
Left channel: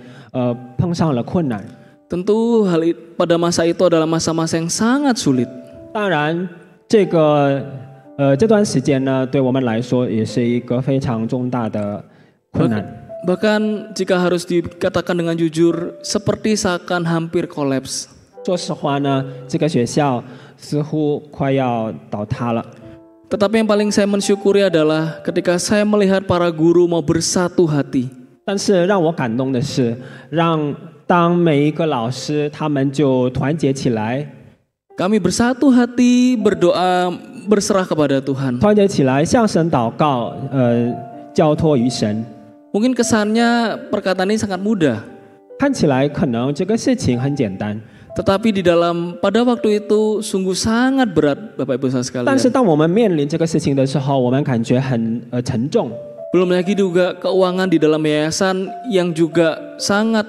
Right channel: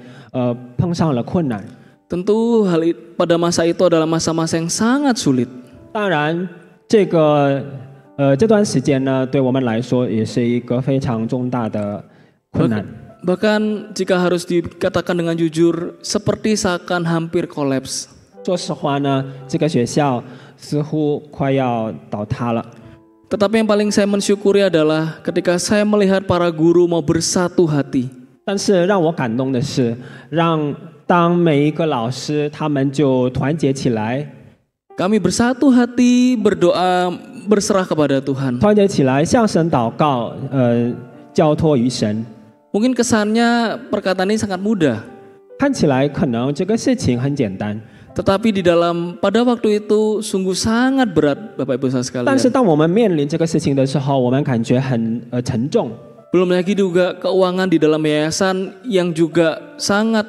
碰上了困难。 Tentu pada masa itu adalah masa-masa yang sangat sulit. 当然，这段时间呢，对我们来说也是一个非常重大的困难。 Bahkan jika harus dikatakan dengan jujur, seperti seakan hampir kolaps. 说实话呢，这个学校似乎快要倒塌了。 Tetapi yang paling saya mensyukuri adalah ketika saya melihat para guru mau bersatu hati. 但是让我感动的是，当每一个老师他们就团结起来， Kami bersatu hati berdoa berserah kepada Tuhan. 团结起来向神祷告，交托于神。 Mungkin kesannya perkataan ini sangat mudah. 看起来可能这个事情很简单， Tetapi pada waktu itu sungguh sangat berat, Bapak Ibu saudara 但是 sekalian. 当我们面临这个事情的时候，我们感觉很沉重。 Belum lagi juga keuangan di dalam yayasan yang juga sangat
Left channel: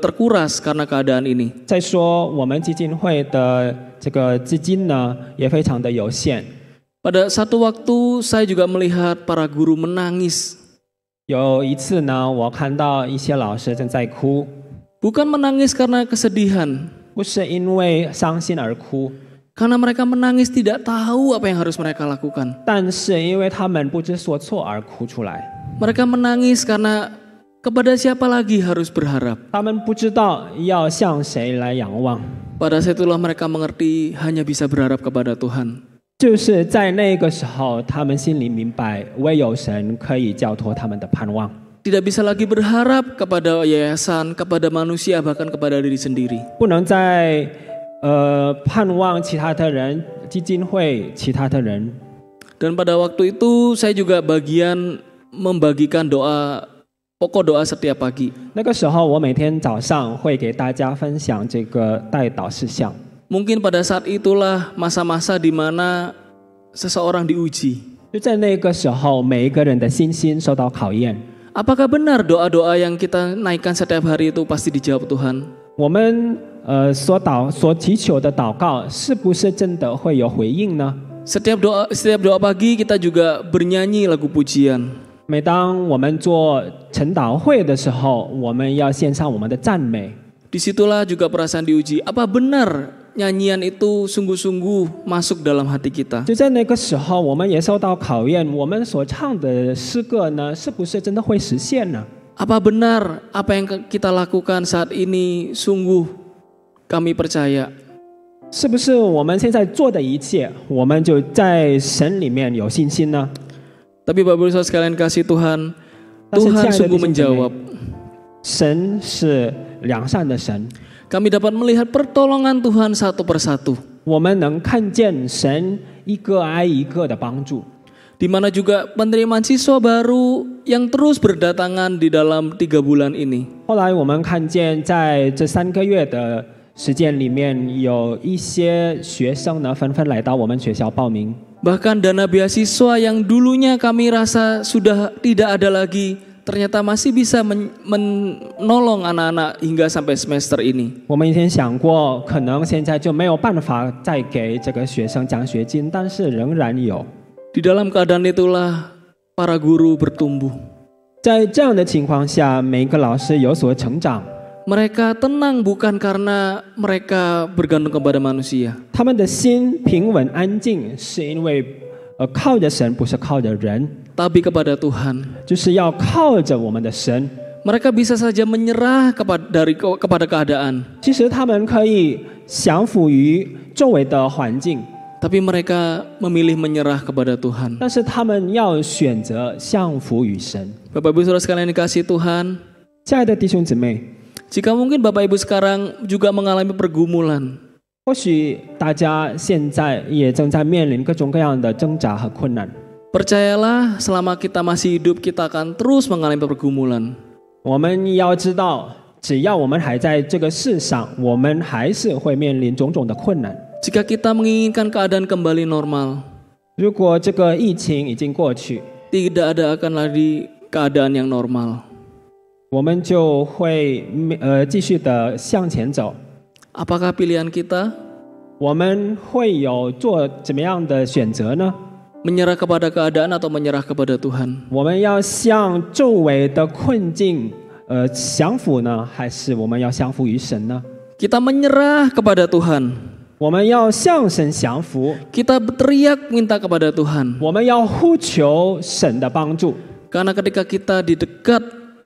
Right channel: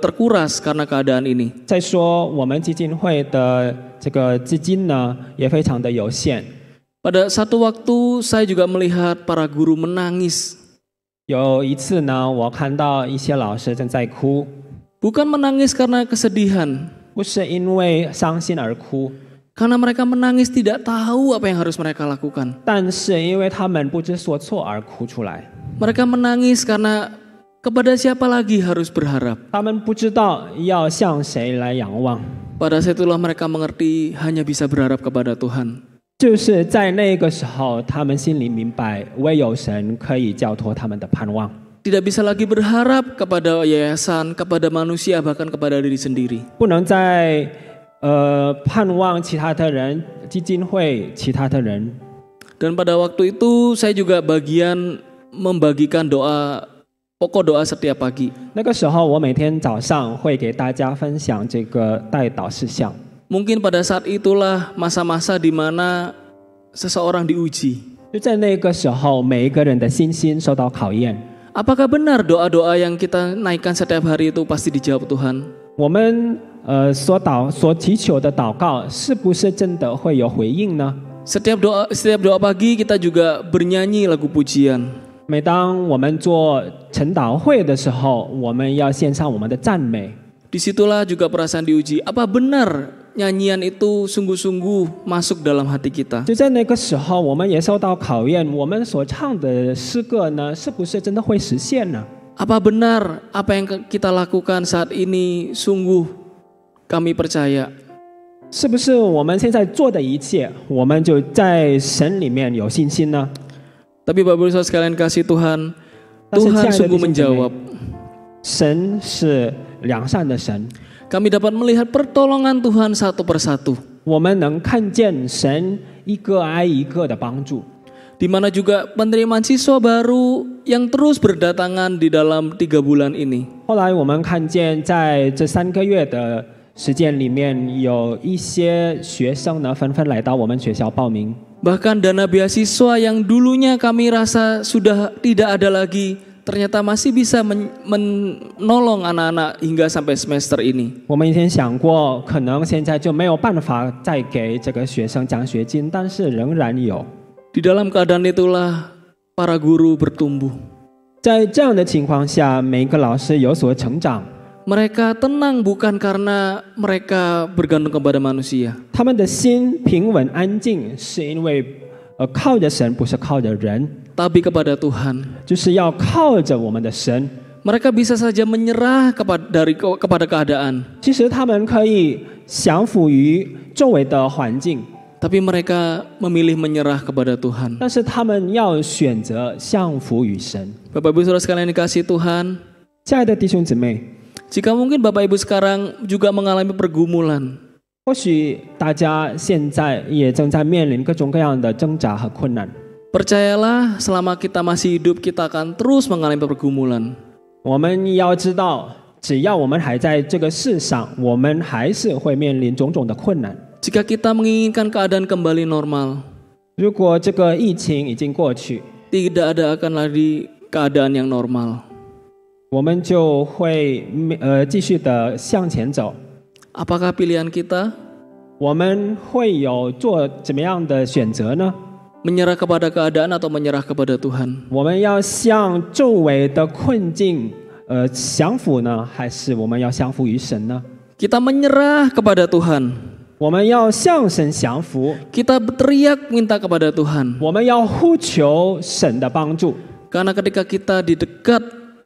terkuras karena keadaan ini. 再说，我们基金会的这个资金呢，也非常的有限。 Pada satu waktu saya juga melihat para guru menangis. 有一次呢，我看到一些老师正在哭， Bukan menangis karena kesedihan, 不是因为伤心而哭， karena mereka menangis tidak tahu apa yang harus mereka lakukan. 但是因为他们不知所措而哭出来。 Mereka menangis karena kepada siapa lagi harus berharap. 他们不知道要向谁来仰望， Pada saat itulah mereka mengerti hanya bisa berharap kepada Tuhan. 就是在那个时候，他们心里明白，唯有神可以交托他们的盼望。 Tidak bisa lagi berharap kepada yayasan, kepada manusia, bahkan kepada diri sendiri. 不能再盼望其他的人、基金会、其他的人。 Dan pada waktu itu saya juga bagian membagikan pokok doa setiap pagi. 那个时候，我每天早上会给大家分享这个代祷事项。 Mungkin pada saat itulah masa-masa di mana seseorang diuji. 就在那个时候，每一个人的信心受到考验。 Apakah benar doa-doa yang kita naikkan setiap hari itu pasti dijawab Tuhan? 我们所祈求的祷告，是不是真的会有回应呢？ Setiap doa pagi kita juga bernyanyi lagu pujian. 每当我们做晨祷会的时候，我们要献上我们的赞美。 Disitulah juga perasaan diuji. Apa benar nyanyian itu sungguh-sungguh masuk dalam hati kita? 就在那个时候，我们也受到考验，我们所唱的诗歌呢，是不是真的会实现呢？ Apa benar apa yang kita lakukan saat ini sungguh kami percaya? 是不是我们现在做的一切，我们就在神里面有信心呢？ Tapi Bapak Ibu Saudara sekalian kasih Tuhan, 但是亲 Tuhan 爱的 sungguh 弟兄姊妹 menjawab. 神是良善的神， Kami dapat melihat pertolongan Tuhan satu persatu. 我们能看见神一个挨一个的帮助。 Di mana juga penerimaan siswa baru yang terus berdatangan di dalam 3 bulan ini. 后来我们看见，在这3个月的时间里面，有一些学生呢纷纷来到我们学校报名。 Bahkan dana beasiswa yang dulunya kami rasa sudah tidak ada lagi, ternyata masih bisa menolong anak-anak hingga sampai semester ini. 我们以前想过，可能现在就没有办法再给这个学生奖学金，但是仍然有。 Di dalam keadaan itulah para guru bertumbuh. 在这样的情况下，每一个老师有所成长。 Mereka tenang bukan karena mereka bergantung kepada manusia. 他们的心平稳安静，是因为靠着神，不是靠着人， Tapi kepada Tuhan. 就是要靠着我们的神。 Mereka bisa saja menyerah kepada keadaan. 其实他们可以降服于周围的环境， Tapi mereka memilih menyerah kepada Tuhan. 但是他们要选择降服于神。 Bapak Ibu Saudara sekalian dikasih Tuhan, 亲爱的弟兄姊妹， jika mungkin Bapak Ibu sekarang juga mengalami pergumulan, 或许大家现在也正在面临各种各样的挣扎和困难。 percayalah selama kita masih hidup kita akan terus mengalami pergumulan. 我们要知道，只要我们还在这个世上，我们还是会面临种种的困难。 Jika kita menginginkan keadaan kembali normal, 如果这个疫情已经过去， tidak ada akan lagi keadaan yang normal. 我们就会继续的向前走。 Apakah pilihan kita 我们会有做怎么样的选择呢？ menyerah kepada keadaan atau menyerah kepada Tuhan? 我们要向周围的困境降服呢，还是我们要降服于神呢？ Kita menyerah kepada Tuhan. 我们要向神降服， Kita berteriak minta kepada Tuhan. 我们要呼求神的帮助。 Karena ketika kita di dekat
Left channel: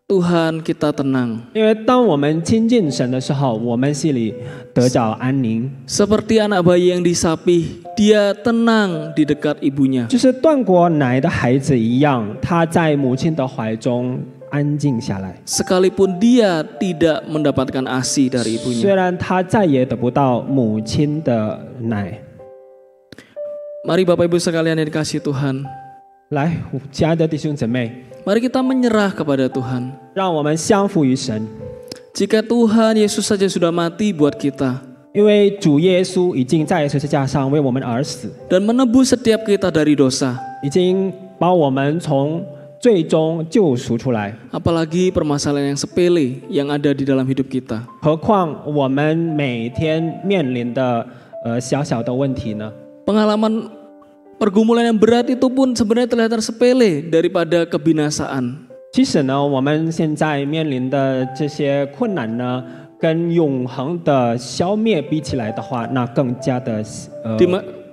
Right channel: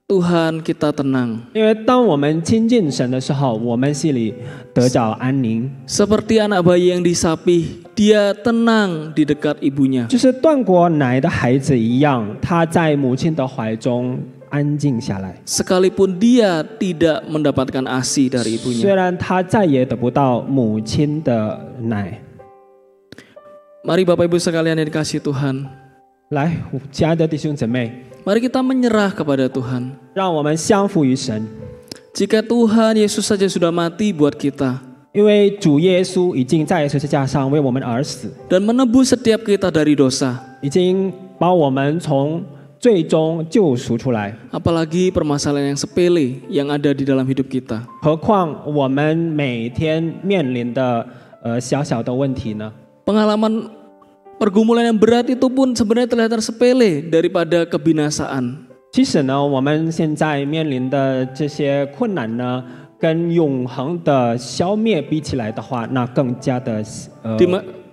Tuhan, kita tenang. 因为当我们亲近神的时候，我们心里得着安宁， Seperti anak bayi yang disapih, dia tenang di dekat ibunya. 就是断过奶的孩子一样，他在母亲的怀中安静下来。 Sekalipun dia tidak mendapatkan ASI dari 虽 ibunya. 然他再也得不到母亲的奶。 Mari Bapak Ibu sekalian yang dikasihi Tuhan. 来，亲爱的弟兄姊妹， Mari kita menyerah kepada Tuhan. 让我们降服于神， Jika Tuhan Yesus saja sudah mati buat kita 因为主耶稣已经在十字架上为我们而死， dan menebus setiap kita dari dosa, 已经把我们从最终救赎出来。 apalagi permasalahan yang sepele yang ada di dalam hidup kita. 何况我们每天面临的小小的问题呢？ Pengalaman pergumulan yang berat itu pun sebenarnya terlihat sepele daripada kebinasaan. 其实呢，我们现在面临的这些困难呢，跟永恒的消灭比起来的话，那更加的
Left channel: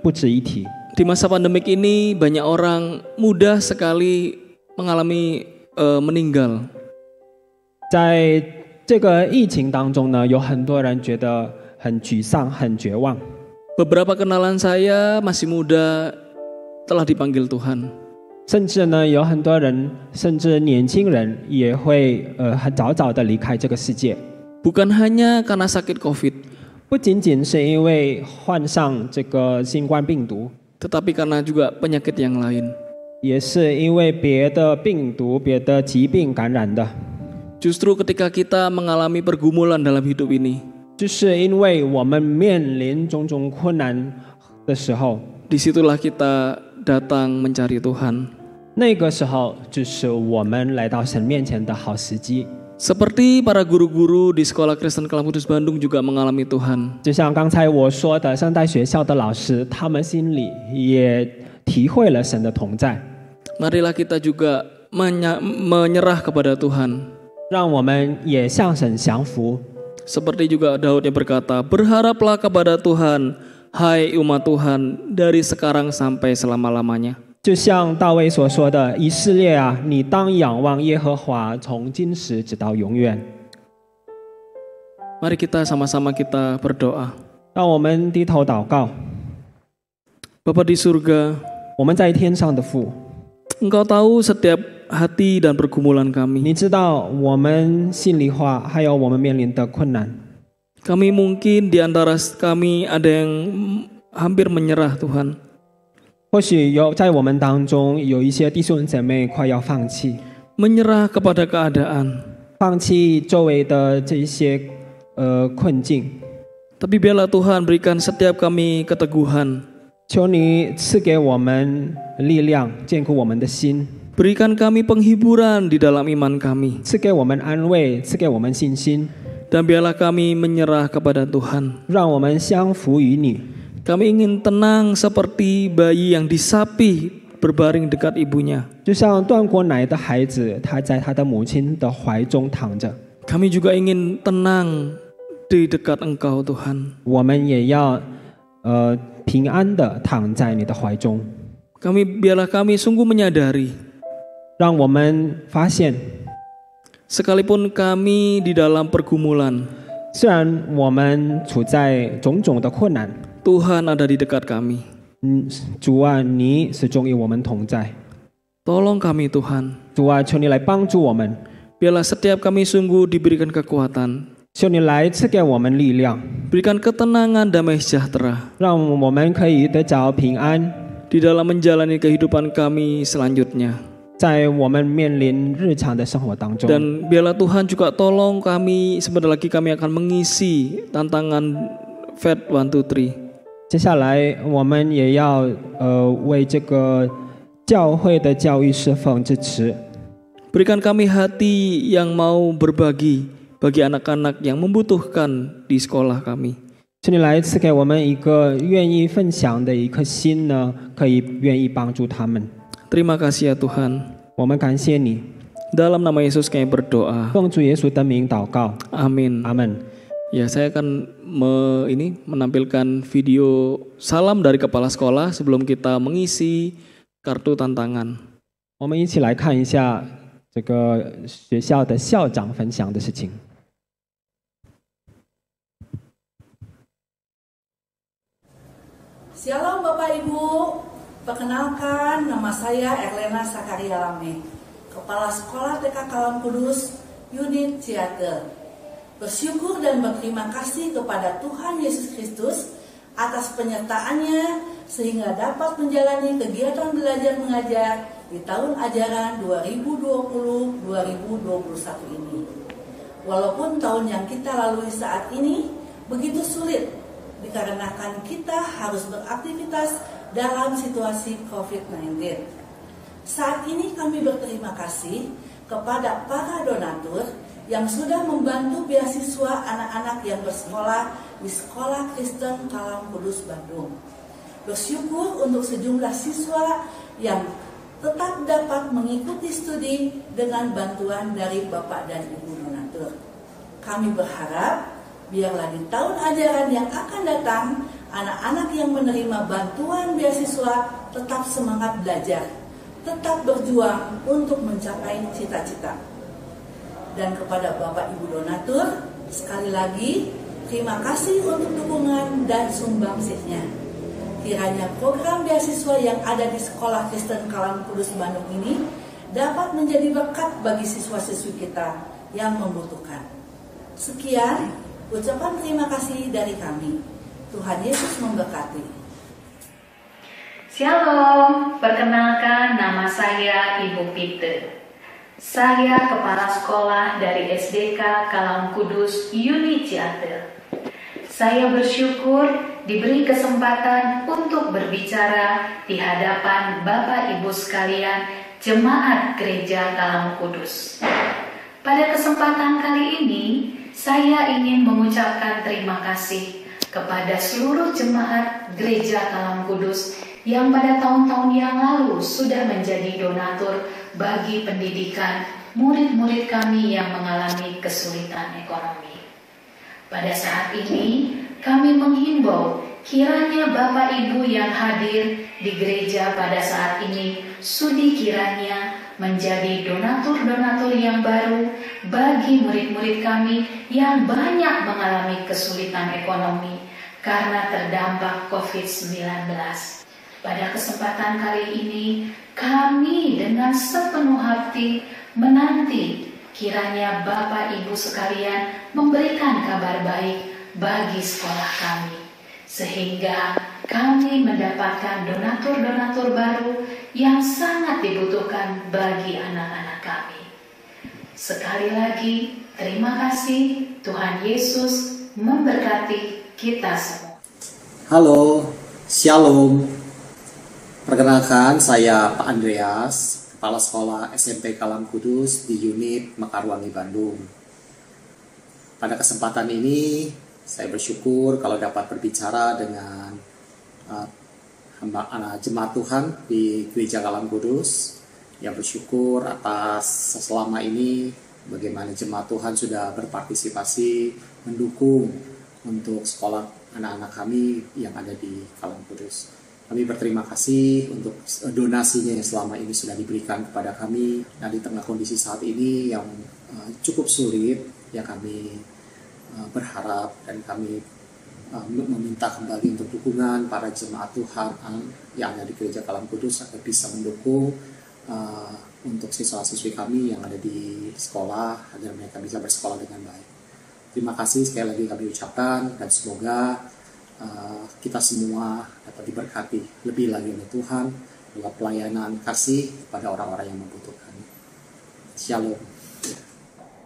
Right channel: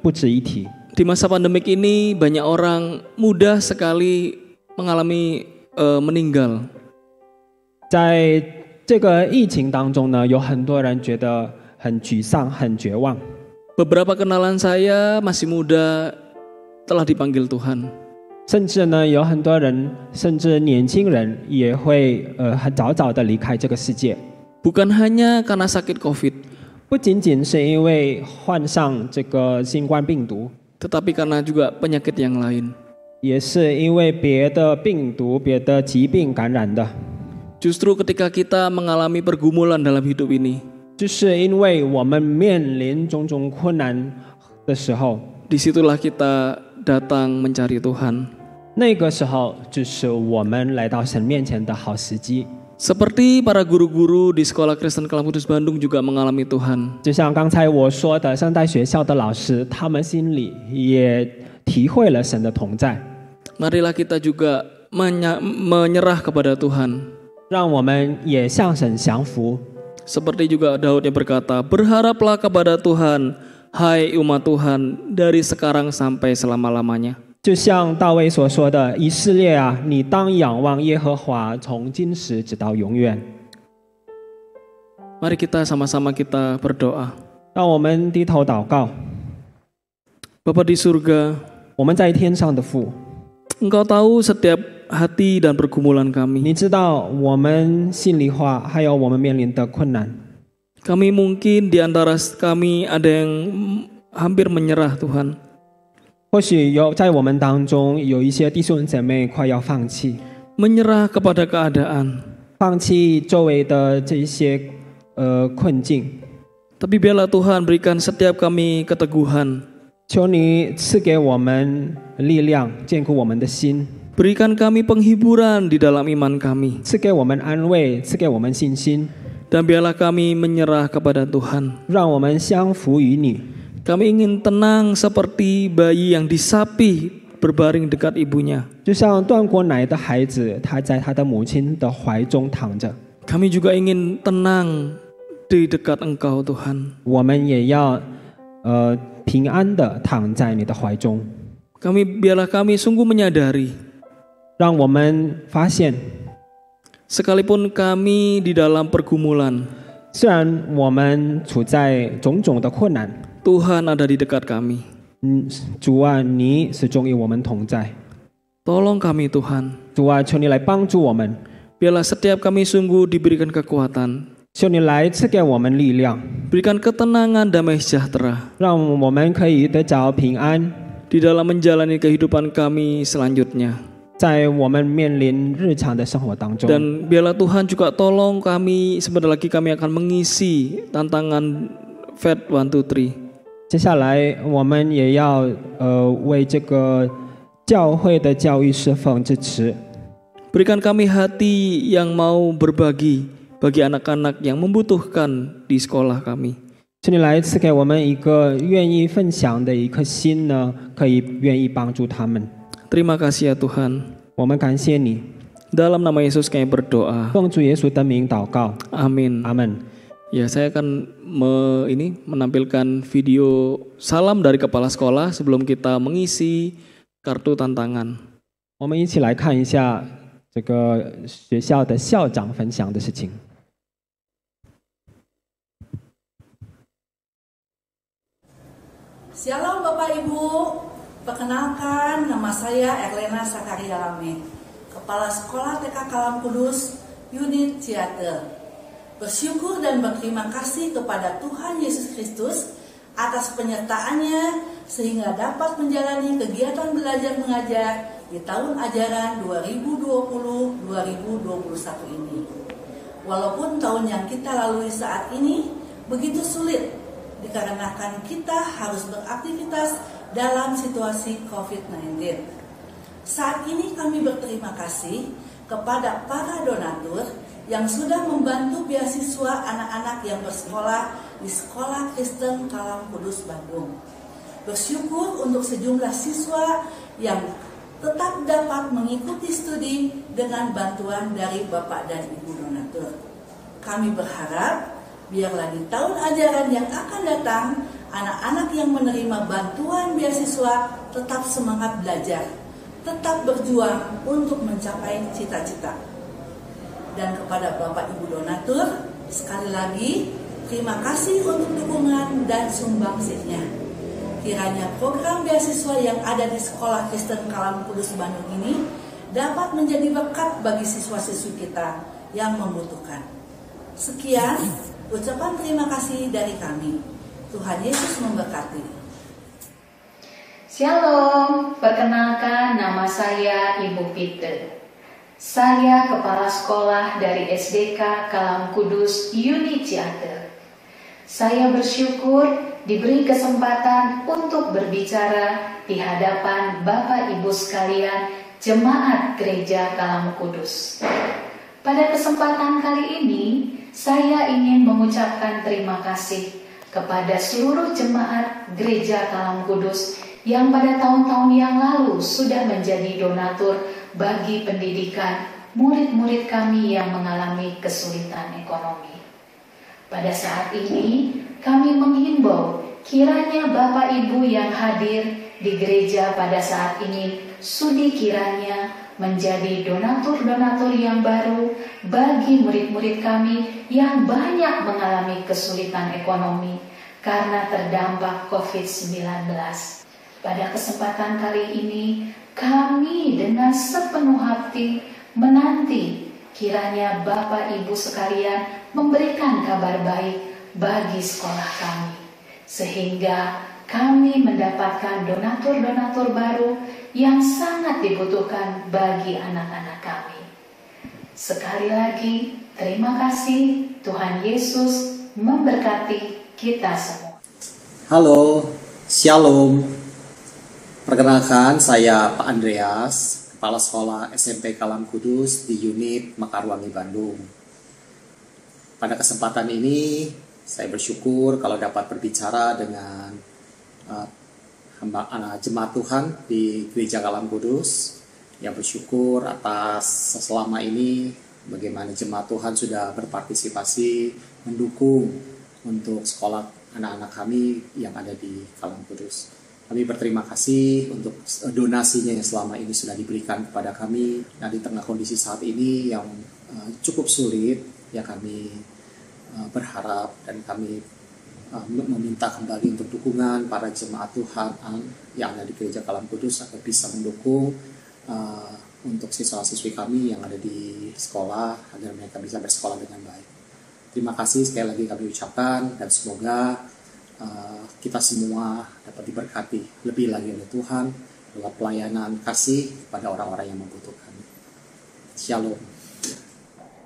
不值一提。 Di masa pandemik ini banyak orang mudah sekali mengalami meninggal. 在这个疫情当中呢，有很多人觉得很沮丧、很绝望。 Beberapa kenalan saya masih muda telah dipanggil Tuhan. 甚至呢，有很多人，甚至年轻人也会很早早的离开这个世界。 Bukan hanya karena sakit COVID, 不仅仅是因为患上这个新冠病毒， tetapi karena juga penyakit yang lain. 也是因为别的病毒、别的疾病感染的。 Justru ketika kita mengalami pergumulan dalam hidup ini, 就是因为我们面临种种困难的时候， disitulah kita datang mencari Tuhan. 那个时候就是我们来到神面前的好时机。 Seperti para guru-guru di Sekolah Kristen Kelam Kudus Bandung juga mengalami Tuhan. 就像刚才我说的，圣代学校的老师，他们心里也体会了神的同在。 Marilah kita juga menyerah kepada Tuhan. 让我们也向神降服。 Seperti juga Daud yang berkata, berharaplah kepada Tuhan, hai umat Tuhan, dari sekarang sampai selama-lamanya. 就像大卫所说的，以色列啊，你当仰望耶和华，从今时直到永远。 Mari kita sama-sama kita berdoa. 让我们低头祷告。 Bapa di surga, 我们在天上的父， Engkau tahu setiap hati dan pergumulan 你 kami. 知道我们心里话，还有我们面临的困难。 Kami mungkin di antara kami ada yang hampir menyerah Tuhan. 或许在我们当中有一些弟兄姐妹快要放弃， Menyerah kepada keadaan. 放弃周围的这些困境。 Tapi biarlah Tuhan berikan setiap kami keteguhan. 求你赐给我们力量，坚固我们的心， Berikan kami penghiburan di dalam iman kami. 赐给我们安慰，赐给我们信心， Dan biarlah kami menyerah kepada Tuhan. 让我们降服于你。 Kami ingin tenang seperti bayi yang disapih berbaring dekat ibunya. 就像断过奶的孩子，他在他的母亲的怀中躺着。 Kami juga ingin tenang di dekat Engkau Tuhan. 我们也要平安的躺在你的怀中。 Biarlah kami sungguh menyadari, 让我们发现， sekalipun kami di dalam pergumulan, 虽然我们处在种种的困难， Tuhan ada di dekat kami. 主啊，你始终与我们同在。 Tolong kami Tuhan. 主啊，求你来帮助我们， Biarlah setiap kami sungguh diberikan kekuatan, 求你来赐给我们力量， berikan ketenangan damai sejahtera 让我们可以得着平安， di dalam menjalani kehidupan kami selanjutnya. 在我们面临日常的生活当中。 Dan biarlah Tuhan juga tolong kami, sebentar lagi kami akan mengisi tantangan FED 123. 接下来我们也要为这个教会的教育侍奉支持。 Berikan kami hati yang mau berbagi bagi anak-anak yang membutuhkan di sekolah kami. 请你来赐给我们一个愿意分享的一颗心呢，可以愿意帮助他们。 Terima kasih ya Tuhan. 我们感谢你。Dalam nama Yesus kami berdoa. 奉主耶稣的名祷告， Amin. 阿门。 Ya, saya akan menampilkan video salam dari kepala sekolah sebelum kita mengisi kartu tantangan. 我们一起来看一下这个学校的校长分享的事情。 Shalom Bapak Ibu, perkenalkan nama saya Erlena Sakaria Lame, Kepala Sekolah TK Kalam Kudus, Unit Ciater. Bersyukur dan berterima kasih kepada Tuhan Yesus Kristus atas penyertaannya sehingga dapat menjalani kegiatan belajar mengajar di tahun ajaran 2020-2021 ini. Walaupun tahun yang kita lalui saat ini begitu sulit dikarenakan kita harus beraktivitas dalam situasi COVID-19. Saat ini kami berterima kasih kepada para donatur yang sudah membantu beasiswa anak-anak yang bersekolah di Sekolah Kristen Kalam Kudus Bandung. Bersyukur untuk sejumlah siswa yang tetap dapat mengikuti studi dengan bantuan dari Bapak dan Ibu donatur. Kami berharap biarlah di tahun ajaran yang akan datang, anak-anak yang menerima bantuan beasiswa tetap semangat belajar, tetap berjuang untuk mencapai cita-cita. Dan kepada Bapak Ibu donatur, sekali lagi terima kasih untuk dukungan dan sumbangsihnya. Kiranya program beasiswa yang ada di Sekolah Kristen Kalam Kudus Bandung ini dapat menjadi berkat bagi siswa-siswi kita yang membutuhkan. Sekian ucapan terima kasih dari kami. Tuhan Yesus memberkati. Shalom, perkenalkan nama saya Ibu Peter. Saya kepala sekolah dari SDK Kalam Kudus Unit Ciater. Saya bersyukur diberi kesempatan untuk berbicara di hadapan Bapak Ibu sekalian Jemaat Gereja Kalam Kudus. Pada kesempatan kali ini, saya ingin mengucapkan terima kasih kepada seluruh jemaat Gereja Kalam Kudus yang pada tahun-tahun yang lalu sudah menjadi donatur bagi pendidikan murid-murid kami yang mengalami kesulitan ekonomi. Pada saat ini, kami menghimbau kiranya Bapak Ibu yang hadir di gereja pada saat ini sudi kiranya menjadi donatur-donatur yang baru bagi murid-murid kami yang banyak mengalami kesulitan ekonomi karena terdampak COVID-19. Pada kesempatan kali ini, kami dengan sepenuh hati menanti kiranya Bapak Ibu sekalian memberikan kabar baik bagi sekolah kami, sehingga kami mendapatkan donatur-donatur baru yang sangat dibutuhkan bagi anak-anak kami. Sekali lagi, terima kasih. Tuhan Yesus memberkati kita semua. Halo, Shalom. Perkenalkan, saya Pak Andreas, Kepala Sekolah SMP Kalam Kudus di unit Mekarwangi, Bandung. Pada kesempatan ini, saya bersyukur kalau dapat berbicara dengan jemaat Tuhan di Gereja Kalam Kudus. Ya, bersyukur atas selama ini bagaimana jemaat Tuhan sudah berpartisipasi mendukung untuk sekolah anak-anak kami yang ada di Kalam Kudus. Kami berterima kasih untuk donasinya yang selama ini sudah diberikan kepada kami. Nah, di tengah kondisi saat ini yang cukup sulit, ya kami berharap dan kami meminta kembali untuk dukungan para jemaat Tuhan yang ada di Gereja Kalam Kudus agar bisa mendukung untuk siswa-siswi kami yang ada di sekolah agar mereka bisa bersekolah dengan baik. Terima kasih sekali lagi kami ucapkan dan semoga kita semua dapat diberkati lebih lagi oleh Tuhan dalam pelayanan kasih pada orang-orang yang membutuhkan. Shalom.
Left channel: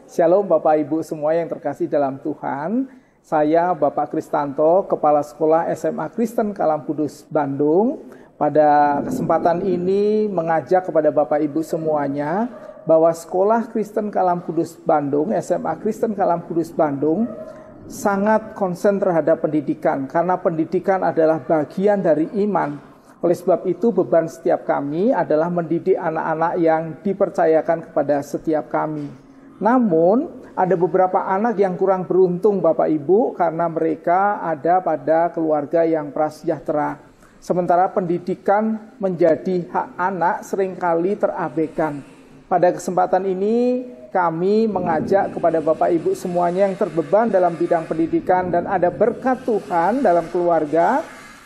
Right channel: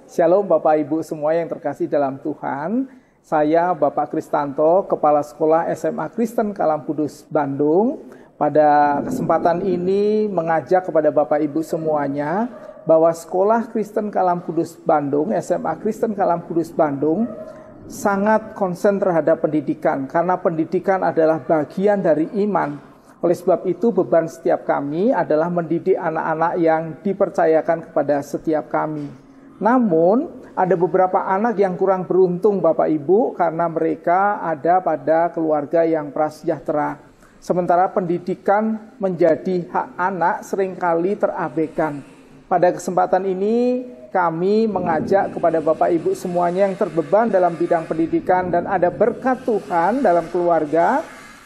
Shalom Bapak Ibu semua yang terkasih dalam Tuhan. Saya Bapak Kristanto, Kepala Sekolah SMA Kristen Kalam Kudus Bandung. Pada kesempatan ini mengajak kepada Bapak Ibu semuanya bahwa Sekolah Kristen Kalam Kudus Bandung, SMA Kristen Kalam Kudus Bandung sangat konsen terhadap pendidikan, karena pendidikan adalah bagian dari iman. Oleh sebab itu beban setiap kami adalah mendidik anak-anak yang dipercayakan kepada setiap kami. Namun ada beberapa anak yang kurang beruntung Bapak Ibu karena mereka ada pada keluarga yang prasejahtera. Sementara pendidikan menjadi hak anak seringkali terabaikan. Pada kesempatan ini kami mengajak kepada Bapak Ibu semuanya yang terbeban dalam bidang pendidikan dan ada berkat Tuhan dalam keluarga.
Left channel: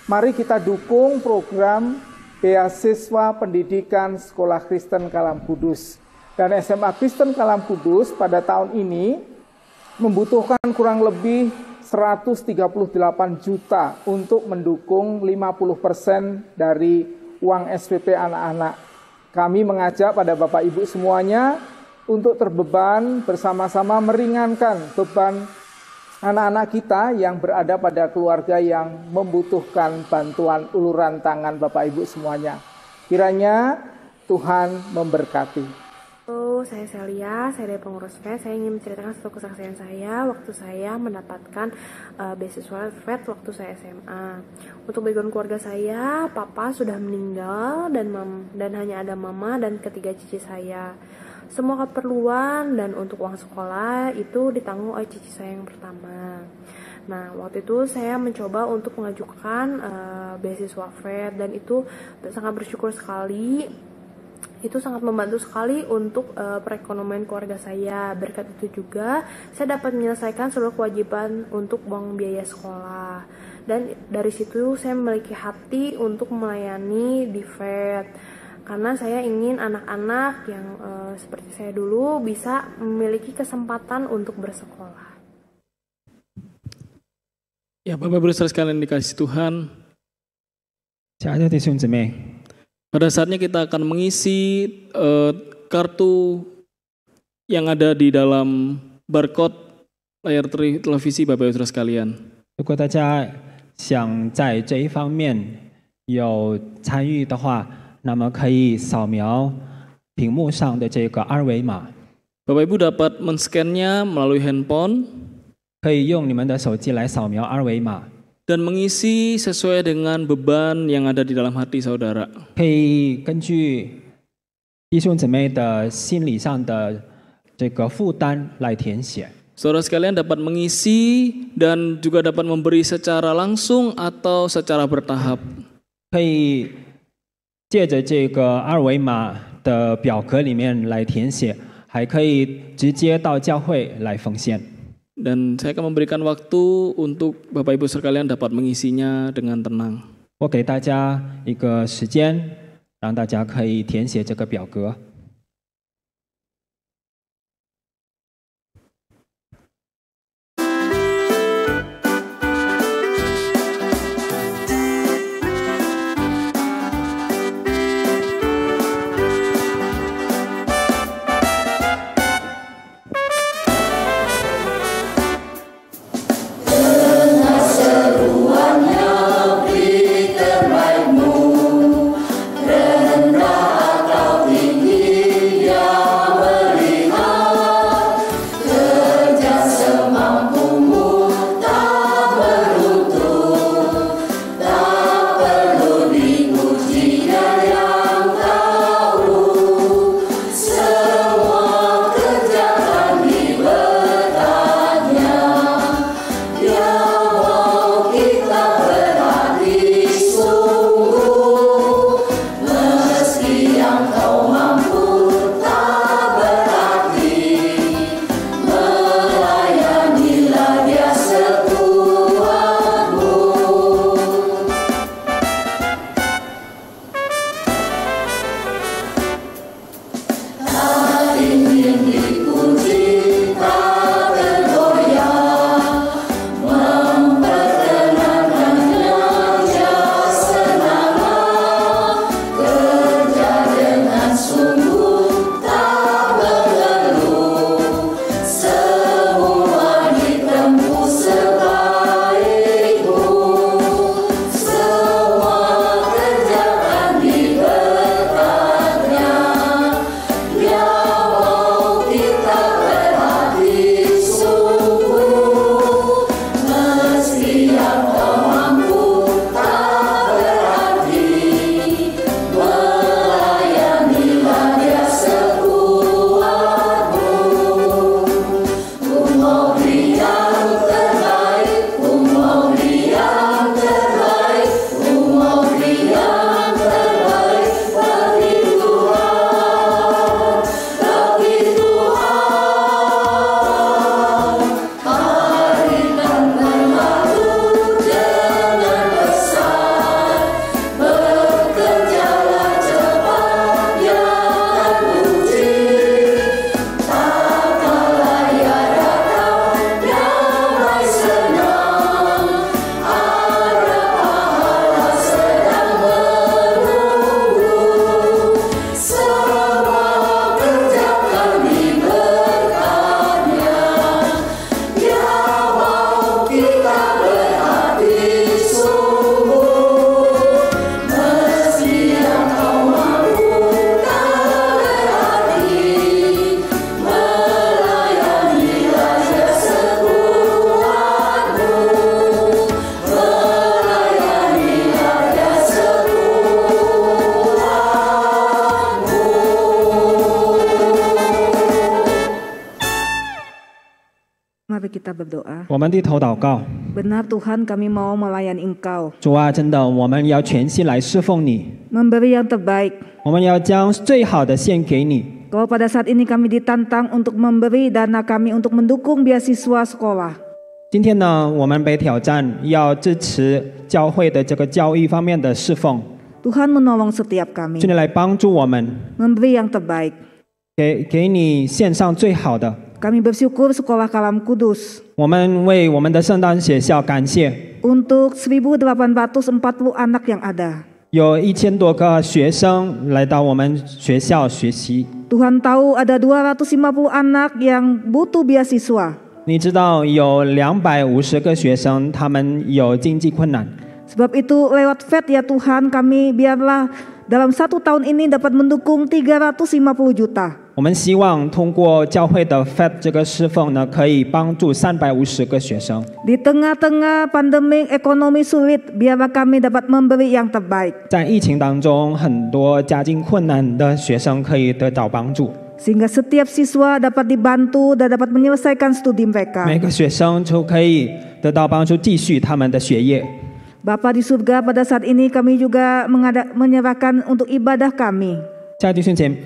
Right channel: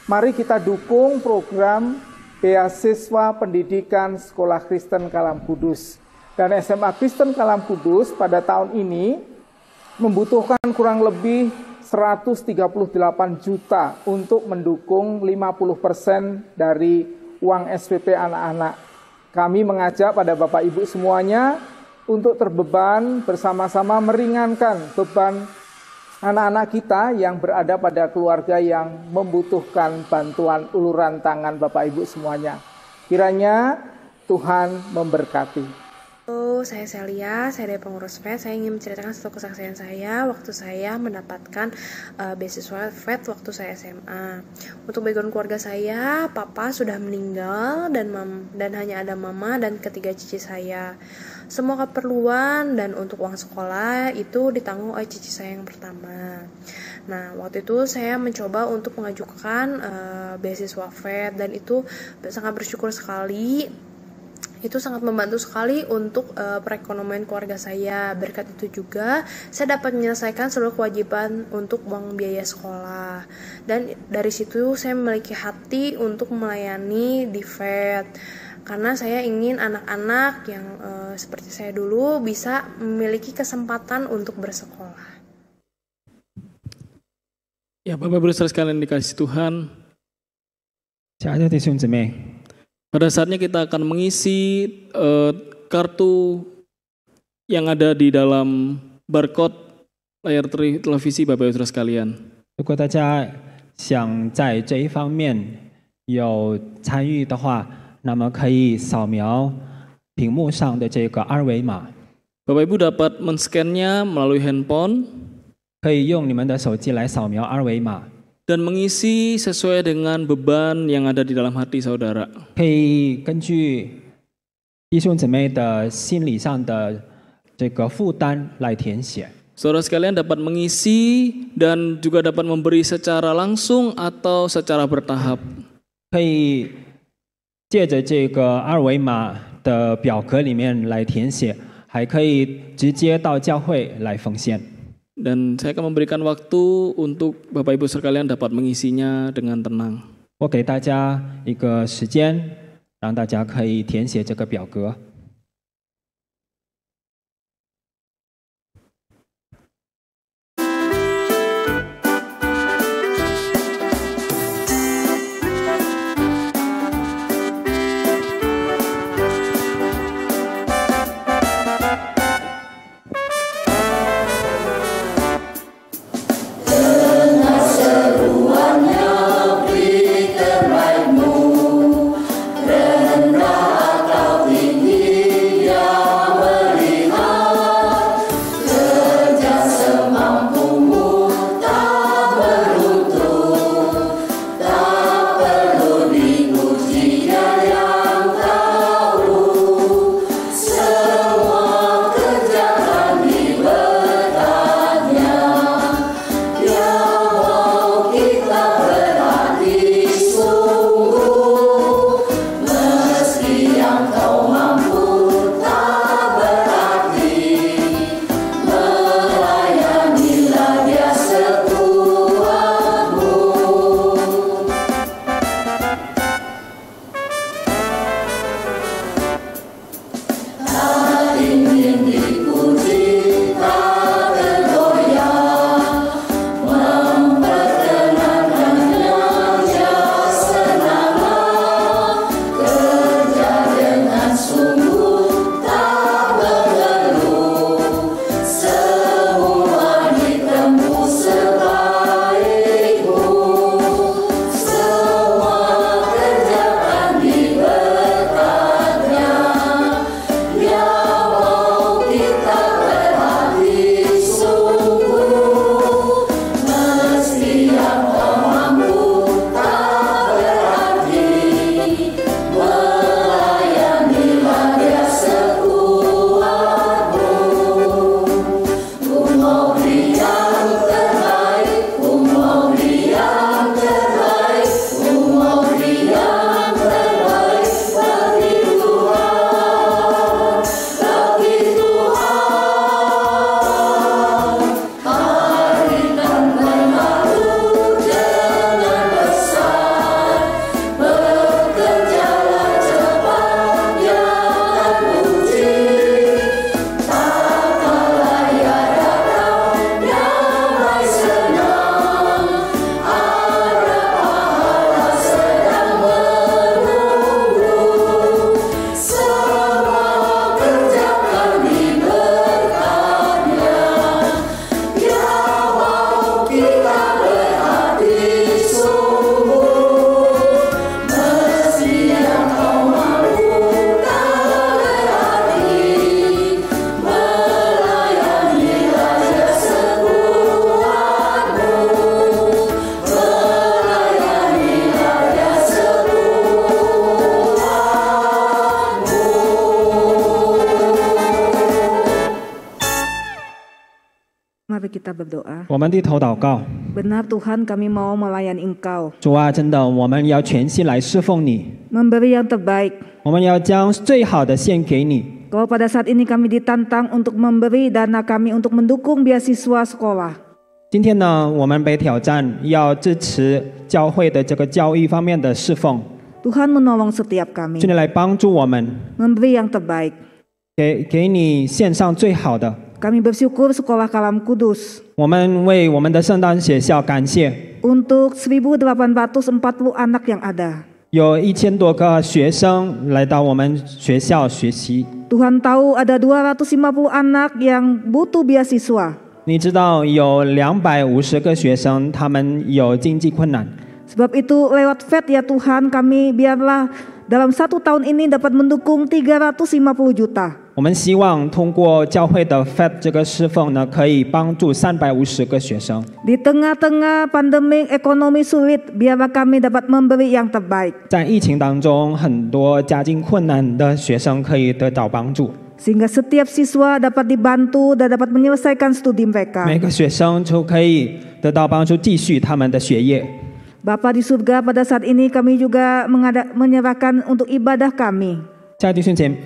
Mari kita dukung program beasiswa pendidikan Sekolah Kristen Kalam Kudus. Dan SMA Kristen Kalam Kudus pada tahun ini membutuhkan kurang lebih 138 juta untuk mendukung 50% dari uang SPP anak-anak. Kami mengajak pada Bapak Ibu semuanya untuk terbeban bersama-sama meringankan beban anak-anak kita yang berada pada keluarga yang membutuhkan bantuan uluran tangan Bapak Ibu semuanya. Kiranya Tuhan memberkati. Halo, saya Celia, saya dari pengurus FED. Saya ingin menceritakan satu kesaksian saya waktu saya mendapatkan beasiswa FED waktu saya SMA. Untuk background keluarga saya, papa sudah meninggal dan hanya ada mama dan ketiga cici saya. Semua keperluan dan untuk uang sekolah itu ditanggung oleh cici saya yang pertama. Nah, waktu itu saya mencoba untuk mengajukan beasiswa FED dan itu sangat bersyukur sekali. Itu sangat membantu sekali untuk perekonomian keluarga saya. Berkat itu juga saya dapat menyelesaikan seluruh kewajiban untuk uang biaya sekolah. Dan dari situ saya memiliki hati untuk melayani di FED. Karena saya ingin anak-anak yang seperti saya dulu bisa memiliki kesempatan untuk bersekolah. Ya, Bapak-Ibu sekalian dikasih Tuhan. Pada saatnya kita akan mengisi kartu yang ada di dalam barcode layar televisi Bapak Ibu sekalian. 如果大家想在这一方面有参与的话，那么可以扫描屏幕上的这个二维码。Bapak Ibu dapat men-scan-nya melalui handphone. 可以用你们的手机来扫描二维码。 Dan mengisi sesuai dengan beban yang ada di dalam hati saudara. 可以根据弟兄姊妹的心理上的这个负担来填写。 Saudara sekalian dapat mengisi dan juga dapat memberi secara langsung atau secara bertahap. 可以借着这个二维码的表格里面来填写，还可以直接到教会来奉献。 Dan saya akan memberikan waktu untuk Bapak Ibu sekalian dapat mengisinya dengan tenang. 我给大家一个时间，让大家可以填写这个表格。 Tinggi kita berdoa. 我们低头祷告。 Benar Tuhan, kami mau melayani Engkau. 主啊，真的，我们要全心来侍奉你， Memberi yang terbaik. 我们要将最好的献给你。 Kalau pada saat ini kami ditantang untuk memberi dana kami untuk mendukung beasiswa sekolah. 今天呢，我们被挑战要支持教会的这个教育方面的侍奉， Tuhan menolong setiap kami. 求你来帮助我们， Memberi yang terbaik. 给你献上最好的。 Kami bersyukur Sekolah Kalam Kudus 我们为我们的圣诞学校感谢， untuk 1.840 anak yang ada. 有1000多个学生来到我们学校学习。 Tuhan tahu ada 250 anak yang butuh beasiswa. 你知道有250个学生，他们有经济困难。 Sebab itu lewat FED ya Tuhan, kami biarlah dalam 1 tahun ini dapat mendukung 350 juta. 我们希望通过教会的 FED 这个侍奉呢，可以帮助350个学生。 Di tengah-tengah pandemi ekonomi sulit, biarlah kami dapat memberi yang terbaik. 在疫情当中，很多家境困难的学生可以得到帮助， Sehingga setiap siswa dapat dibantu dan dapat menyelesaikan studi mereka. 每个学生就可以得到帮助，继续他们的学业。 Bapa di surga, pada saat ini kami juga menyerahkan untuk ibadah kami. 亲爱的弟兄姐妹，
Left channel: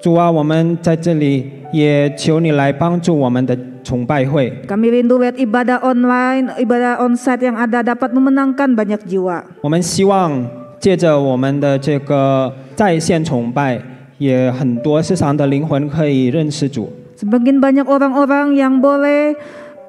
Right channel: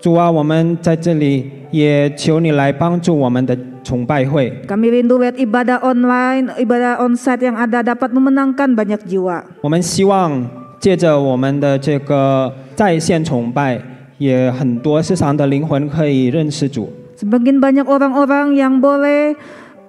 主啊，我们在这里也求你来帮助我们的崇拜会。 Kami rindu lihat ibadah online, ibadah onsite yang ada dapat memenangkan banyak jiwa. 我们希望借着我们的这个在线崇拜，也很多世上的灵魂可以认识主。 Semakin banyak orang-orang yang boleh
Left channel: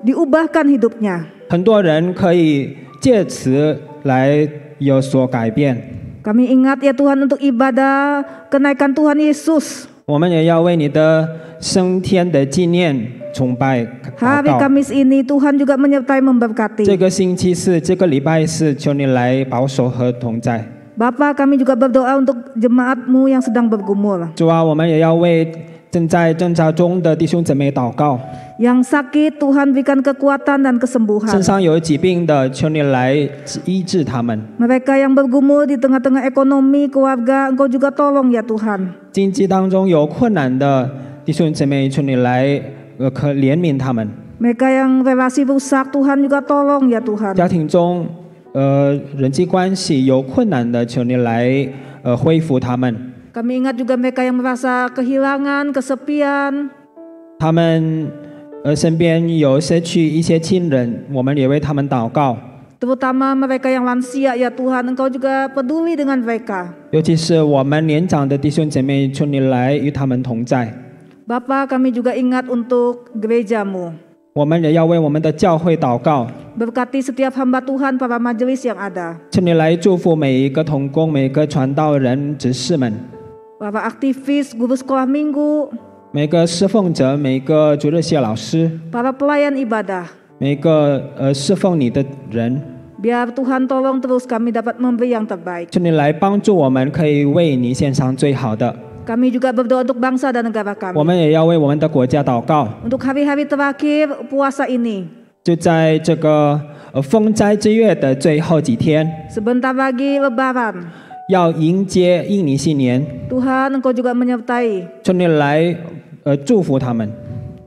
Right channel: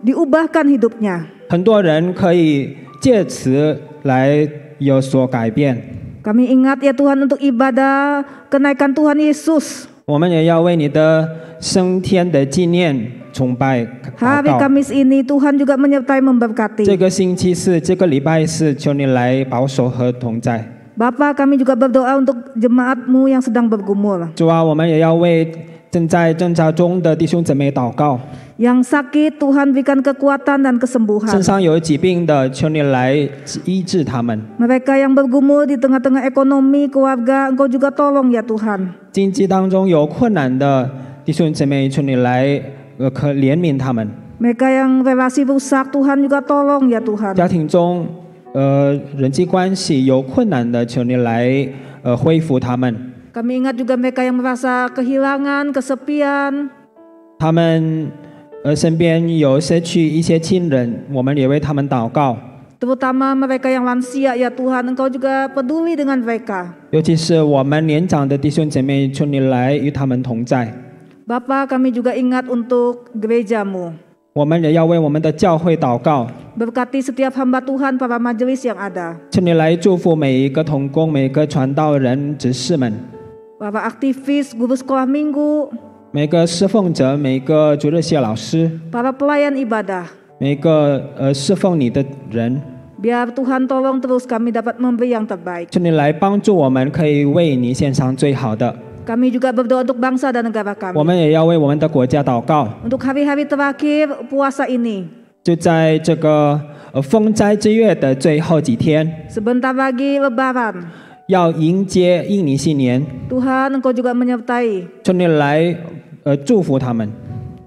diubahkan hidupnya. 很多人可以借此来有所改变。 Kami ingat ya Tuhan untuk ibadah kenaikan Tuhan Yesus. 我们也要为你的升天的纪念崇拜祷 Hari 告。 Kamis ini Tuhan juga menyertai memberkati. 这个星期四，这个礼拜四，求你来保守和同在。 Bapa, kami juga berdoa untuk jemaat-Mu yang sedang bergumul. 主啊，我们也要为正在挣扎中的弟兄姊妹祷告。 Yang sakit Tuhan berikan kekuatan dan 身 kesembuhan. 上有疾病的，求你来医治他们。 Mereka yang bergumul di tengah-tengah ekonomi keluarga, Engkau juga tolong ya Tuhan. 经济当中有困难的弟兄姊妹，求你来可怜悯他们。 Mereka yang relasi rusak, Tuhan juga tolong ya Tuhan. 家庭中人际关系有困难的，求你来恢复他们。 Kami ingat juga mereka yang merasa kehilangan, kesepian. 他们身边有失去一些亲人，我们也为他们祷告。 Terutama mereka yang lansia ya Tuhan, Engkau juga peduli dengan mereka. 尤其是我们年长的弟兄姐妹，求你来与他们同在。 Bapa, kami juga ingat untuk gereja-Mu. 我们也要为我们的教会祷告， Berkati setiap hamba Tuhan, para majelis yang ada. 求你来祝福每一个同工、每个传道人、执事们， Para aktivis, guru sekolah minggu, 每个侍奉者、每个主日学老师， para pelayan ibadah. 每个侍奉你的人， Biar Tuhan tolong terus kami dapat memberi yang terbaik. 求你来帮助我们，可以为你献上最好的。 Kami juga berdoa untuk bangsa dan negara 我 kami. 们也要为我们的国家祷告。 Untuk hari-hari terakhir puasa ini. 就在这个封斋之月的最后几天， Sebentar lagi lebaran. 要迎接印尼新年， Tuhan, Engkau juga menyertai. 求你来祝福他们。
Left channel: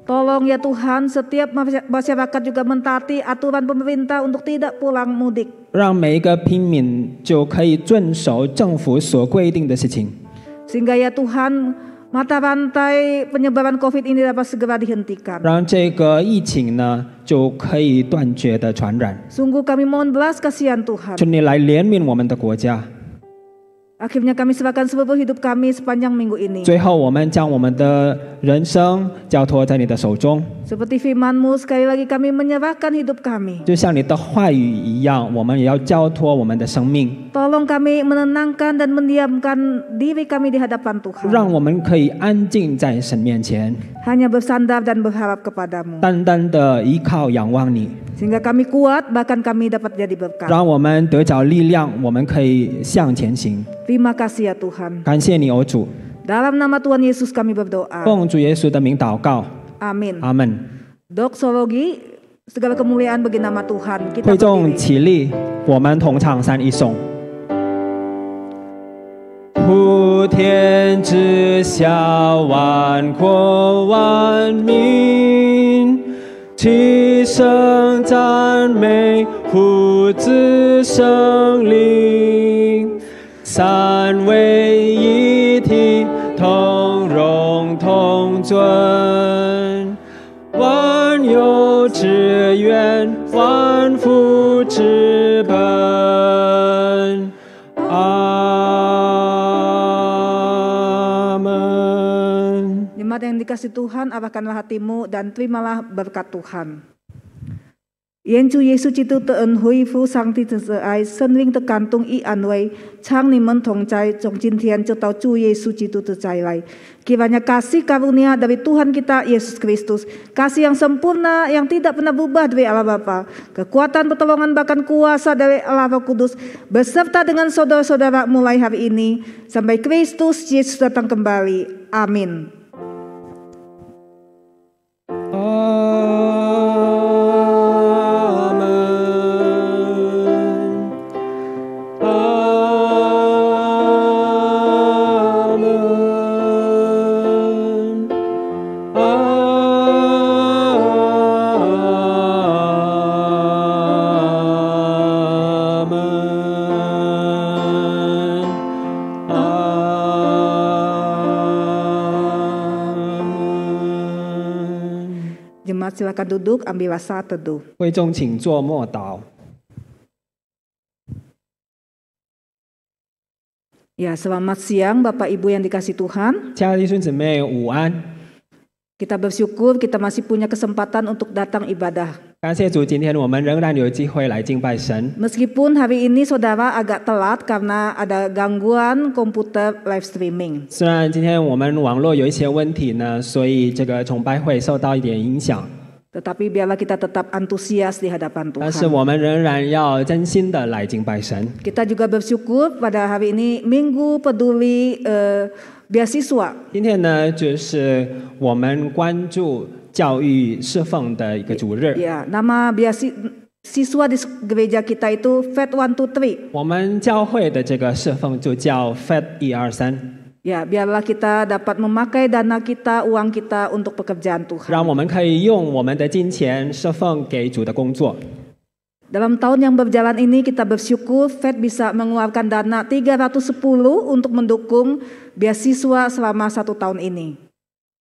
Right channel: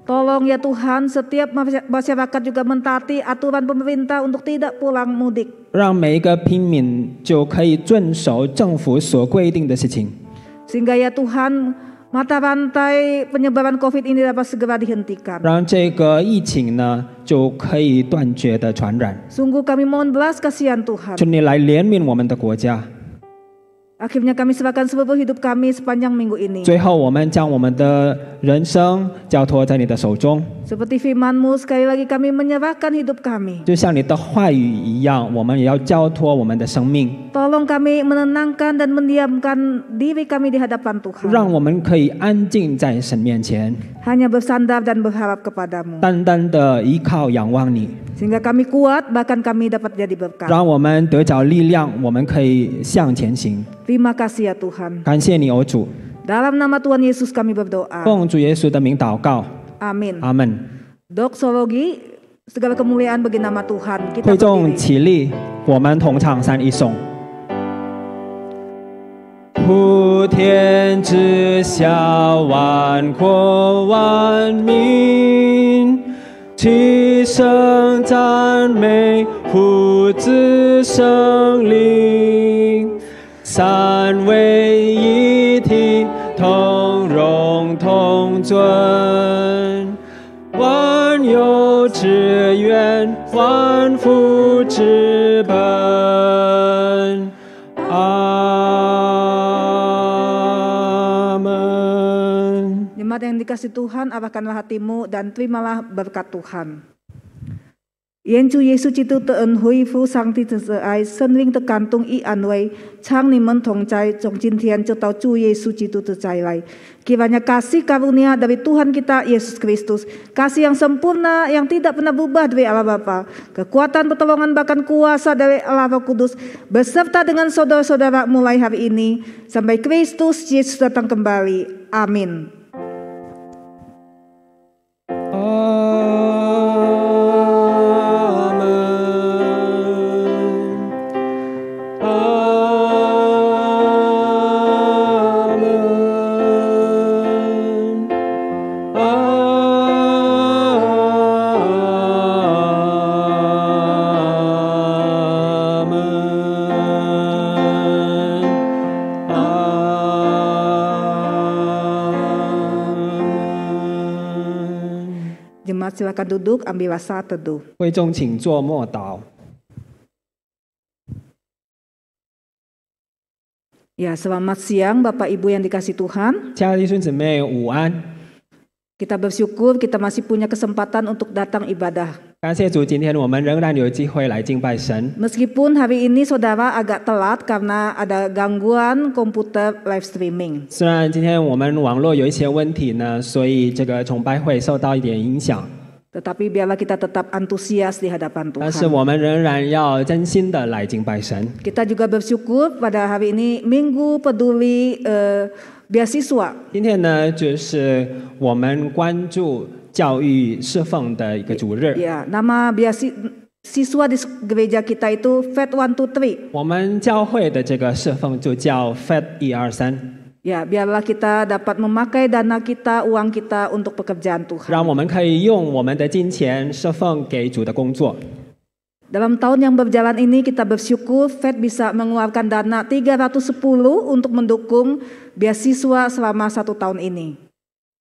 Tolong ya Tuhan, setiap masyarakat juga mentaati aturan pemerintah untuk tidak pulang mudik. 让每一个平民就可以遵守政府所规定的事情， Sehingga ya Tuhan, mata rantai penyebaran COVID ini dapat segera dihentikan. 让这个疫情呢就可以断绝的传染。 Sungguh kami mohon belas kasihan Tuhan. 求你来怜悯我们的国家。 Akhirnya kami serahkan seluruh hidup kami sepanjang minggu ini. 最后，我们将我们的人生交托在你的手中， Seperti firman-Mu, sekali lagi kami menyerahkan hidup kami. 就像你的话语一样，我们也要交托我们的生命， Tolong kami menenangkan dan mendiamkan diri kami di hadapan Tuhan. 让我们可以安静在神面前， Hanya bersandar dan berharap kepadamu. 单单的依靠仰望你， Sehingga kami kuat, bahkan kami dapat jadi berkat. 让我们得着力量，我们可以向前行。 Terima kasih ya Tuhan. 感谢你，哦主， Dalam nama Tuhan Yesus kami berdoa. 奉主耶稣的名祷告， Amin. 阿门。 Doxologi, segala kemuliaan bagi nama Tuhan. Kita 会众 berdiri. 起立，我们同唱三一颂。普天之下，万国万民，齐声赞美父子圣灵，三位一体，同荣同尊，万有之源，万福之本。Amen. Jemaat yang dikasih Tuhan, arahkanlah hatimu dan terimalah berkat Tuhan. Yen Chu Yesu Chitu te ơn hui phu sang ti te ai sân linh te kantung i an wei chang ni men thong cai trong jin thian cho tau Chu Yesu Chitu te cai lai. Kiranya kasih karunia dari Tuhan kita Yesus Kristus, kasih yang sempurna yang tidak pernah berubah dari Allah Bapa, kekuatan pertolongan bahkan kuasa dari Allah Roh Kudus beserta dengan saudara-saudara mulai hari ini sampai Kristus Yesus datang kembali. Amin. Silakan duduk, ambillah saat teduh. 会众请坐默祷。 Ya, selamat siang Bapak Ibu yang dikasih Tuhan. 亲爱的弟兄姊妹午安， Kita bersyukur kita masih punya kesempatan untuk datang ibadah. 感谢主，今天我们仍然有机会来敬拜神。 Meskipun hari ini saudara agak telat karena ada gangguan komputer live streaming. 虽然今天我们网络有一些问题呢，所以这个崇拜会受到一点影响， Tetapi biarlah kita tetap antusias di hadapan 但是 Tuhan. 我们仍然要真心的来敬拜神。 Kita juga bersyukur pada hari ini Minggu Peduli Beasiswa. 今天呢，就是我们关注教育侍奉的一个主日。 Ya, nama beasiswa di gereja kita itu FED 123. 我们教会的这个侍奉就叫 FED 123。 Ya, biarlah kita dapat memakai dana kita, uang kita untuk pekerjaan 让 Tuhan. 我们可以用我们的金钱侍奉给主的工作。 Dalam tahun yang berjalan ini kita bersyukur FED bisa mengeluarkan dana 310 untuk mendukung beasiswa selama 1 tahun ini.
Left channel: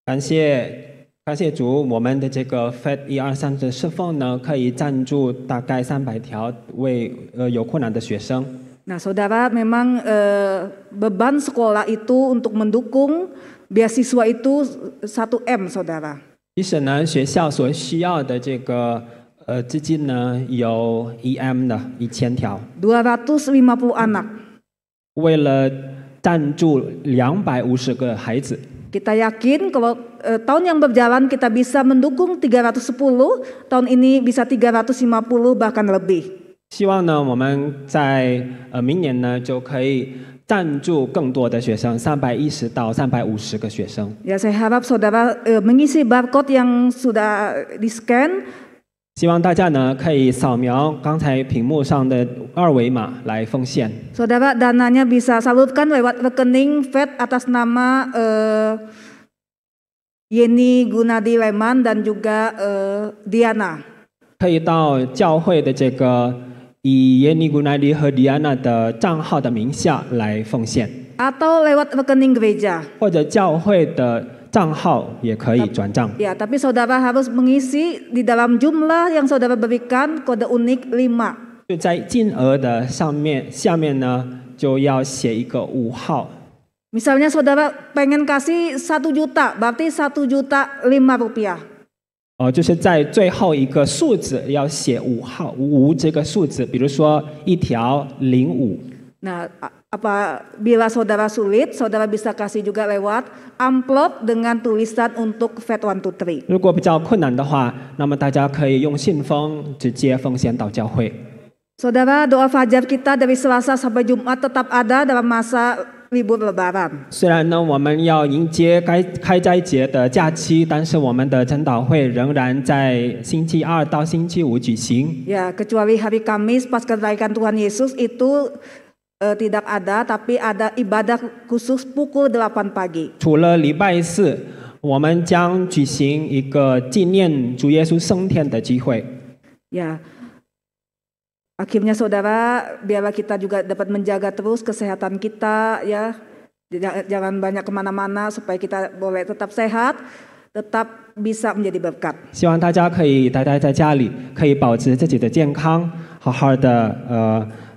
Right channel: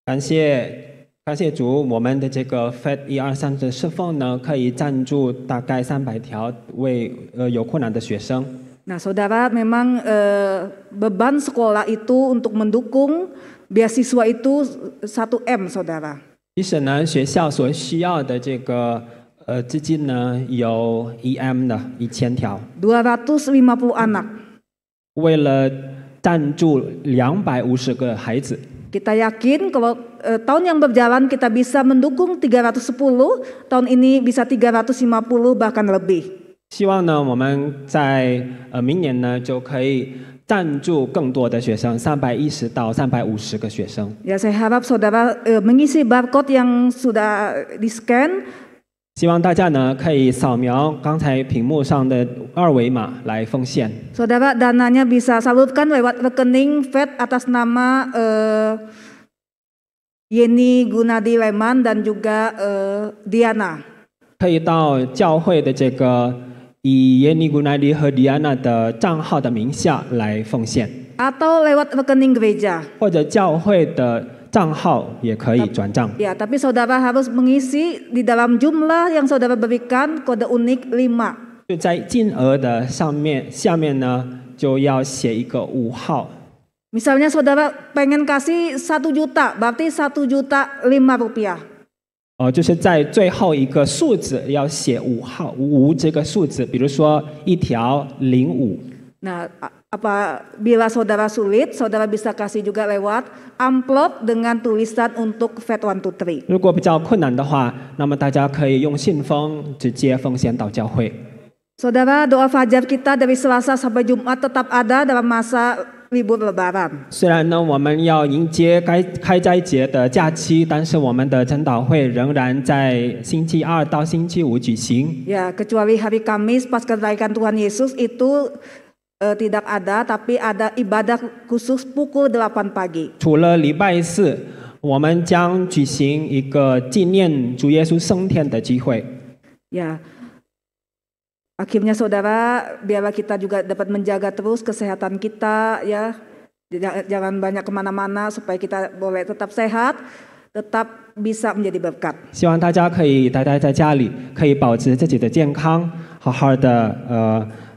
感谢主，我们的这个 FED 123的侍奉呢，可以赞助大概300条为有困难的学生。 Nah, saudara, memang beban sekolah itu untuk mendukung beasiswa itu 1M, saudara. 其实呢，学校所需要的这个资金呢，有 1M 的1000条， 250 anak. 为了赞助250个孩子。 Kita yakin kalau tahun yang berjalan kita bisa mendukung 310, tahun ini bisa 350 bahkan lebih. 希望呢，我们在明年呢就可以赞助更多的学生，310到350个学生。 Ya, saya harap saudara mengisi barcode yang sudah di-scan. 希望大家呢可以扫描刚才屏幕上的2维码来奉献。 Saudara, dananya bisa salurkan lewat rekening FED atas nama Yeni Gunadi Leman dan juga Diana. 可以到教会的这个以耶尼古奈迪和迪安娜的账号的名下来奉献， Atau lewat rekening gereja. 或者教会的账号也可以转账。 Ya, tapi saudara harus mengisi di dalam jumlah yang saudara berikan kode unik 5. 就在金额的下面呢，就要写一个5号。 Misalnya saudara pengen kasih 1 juta, berarti 1,5 juta rupiah. 就是在最后一个数字要写5号5这个数字，比如说1条05。 Nah, apabila saudara sulit, saudara bisa kasih juga lewat amplop dengan tulisan untuk FED 123. 如果比较困难的话，那么大家可以用信封直接奉献到教会。 Saudara, doa fajar kita dari Selasa sampai Jumat tetap ada dalam masa libur Lebaran. 虽然呢，我们要迎接开斋节的假期，但是我们的晨祷会仍然在星期2到星期5举行。 Ya, kecuali hari Kamis pas kenaikan Tuhan Yesus itu tidak ada, tapi ada ibadah khusus pukul 8 pagi. 除了礼拜4，我们将举行一个纪念主耶稣升天的聚会。Ya, akhirnya saudara, biarlah kita juga dapat menjaga terus kesehatan kita ya. Jangan banyak kemana-mana supaya kita boleh tetap sehat, tetap bisa menjadi berkat. 希望大家可以待在家里，可以保持自己的健康，好好的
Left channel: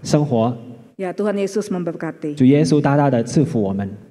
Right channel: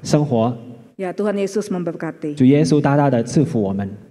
生活。 Ya, Tuhan Yesus memberkati. 主耶稣大大的赐福我们。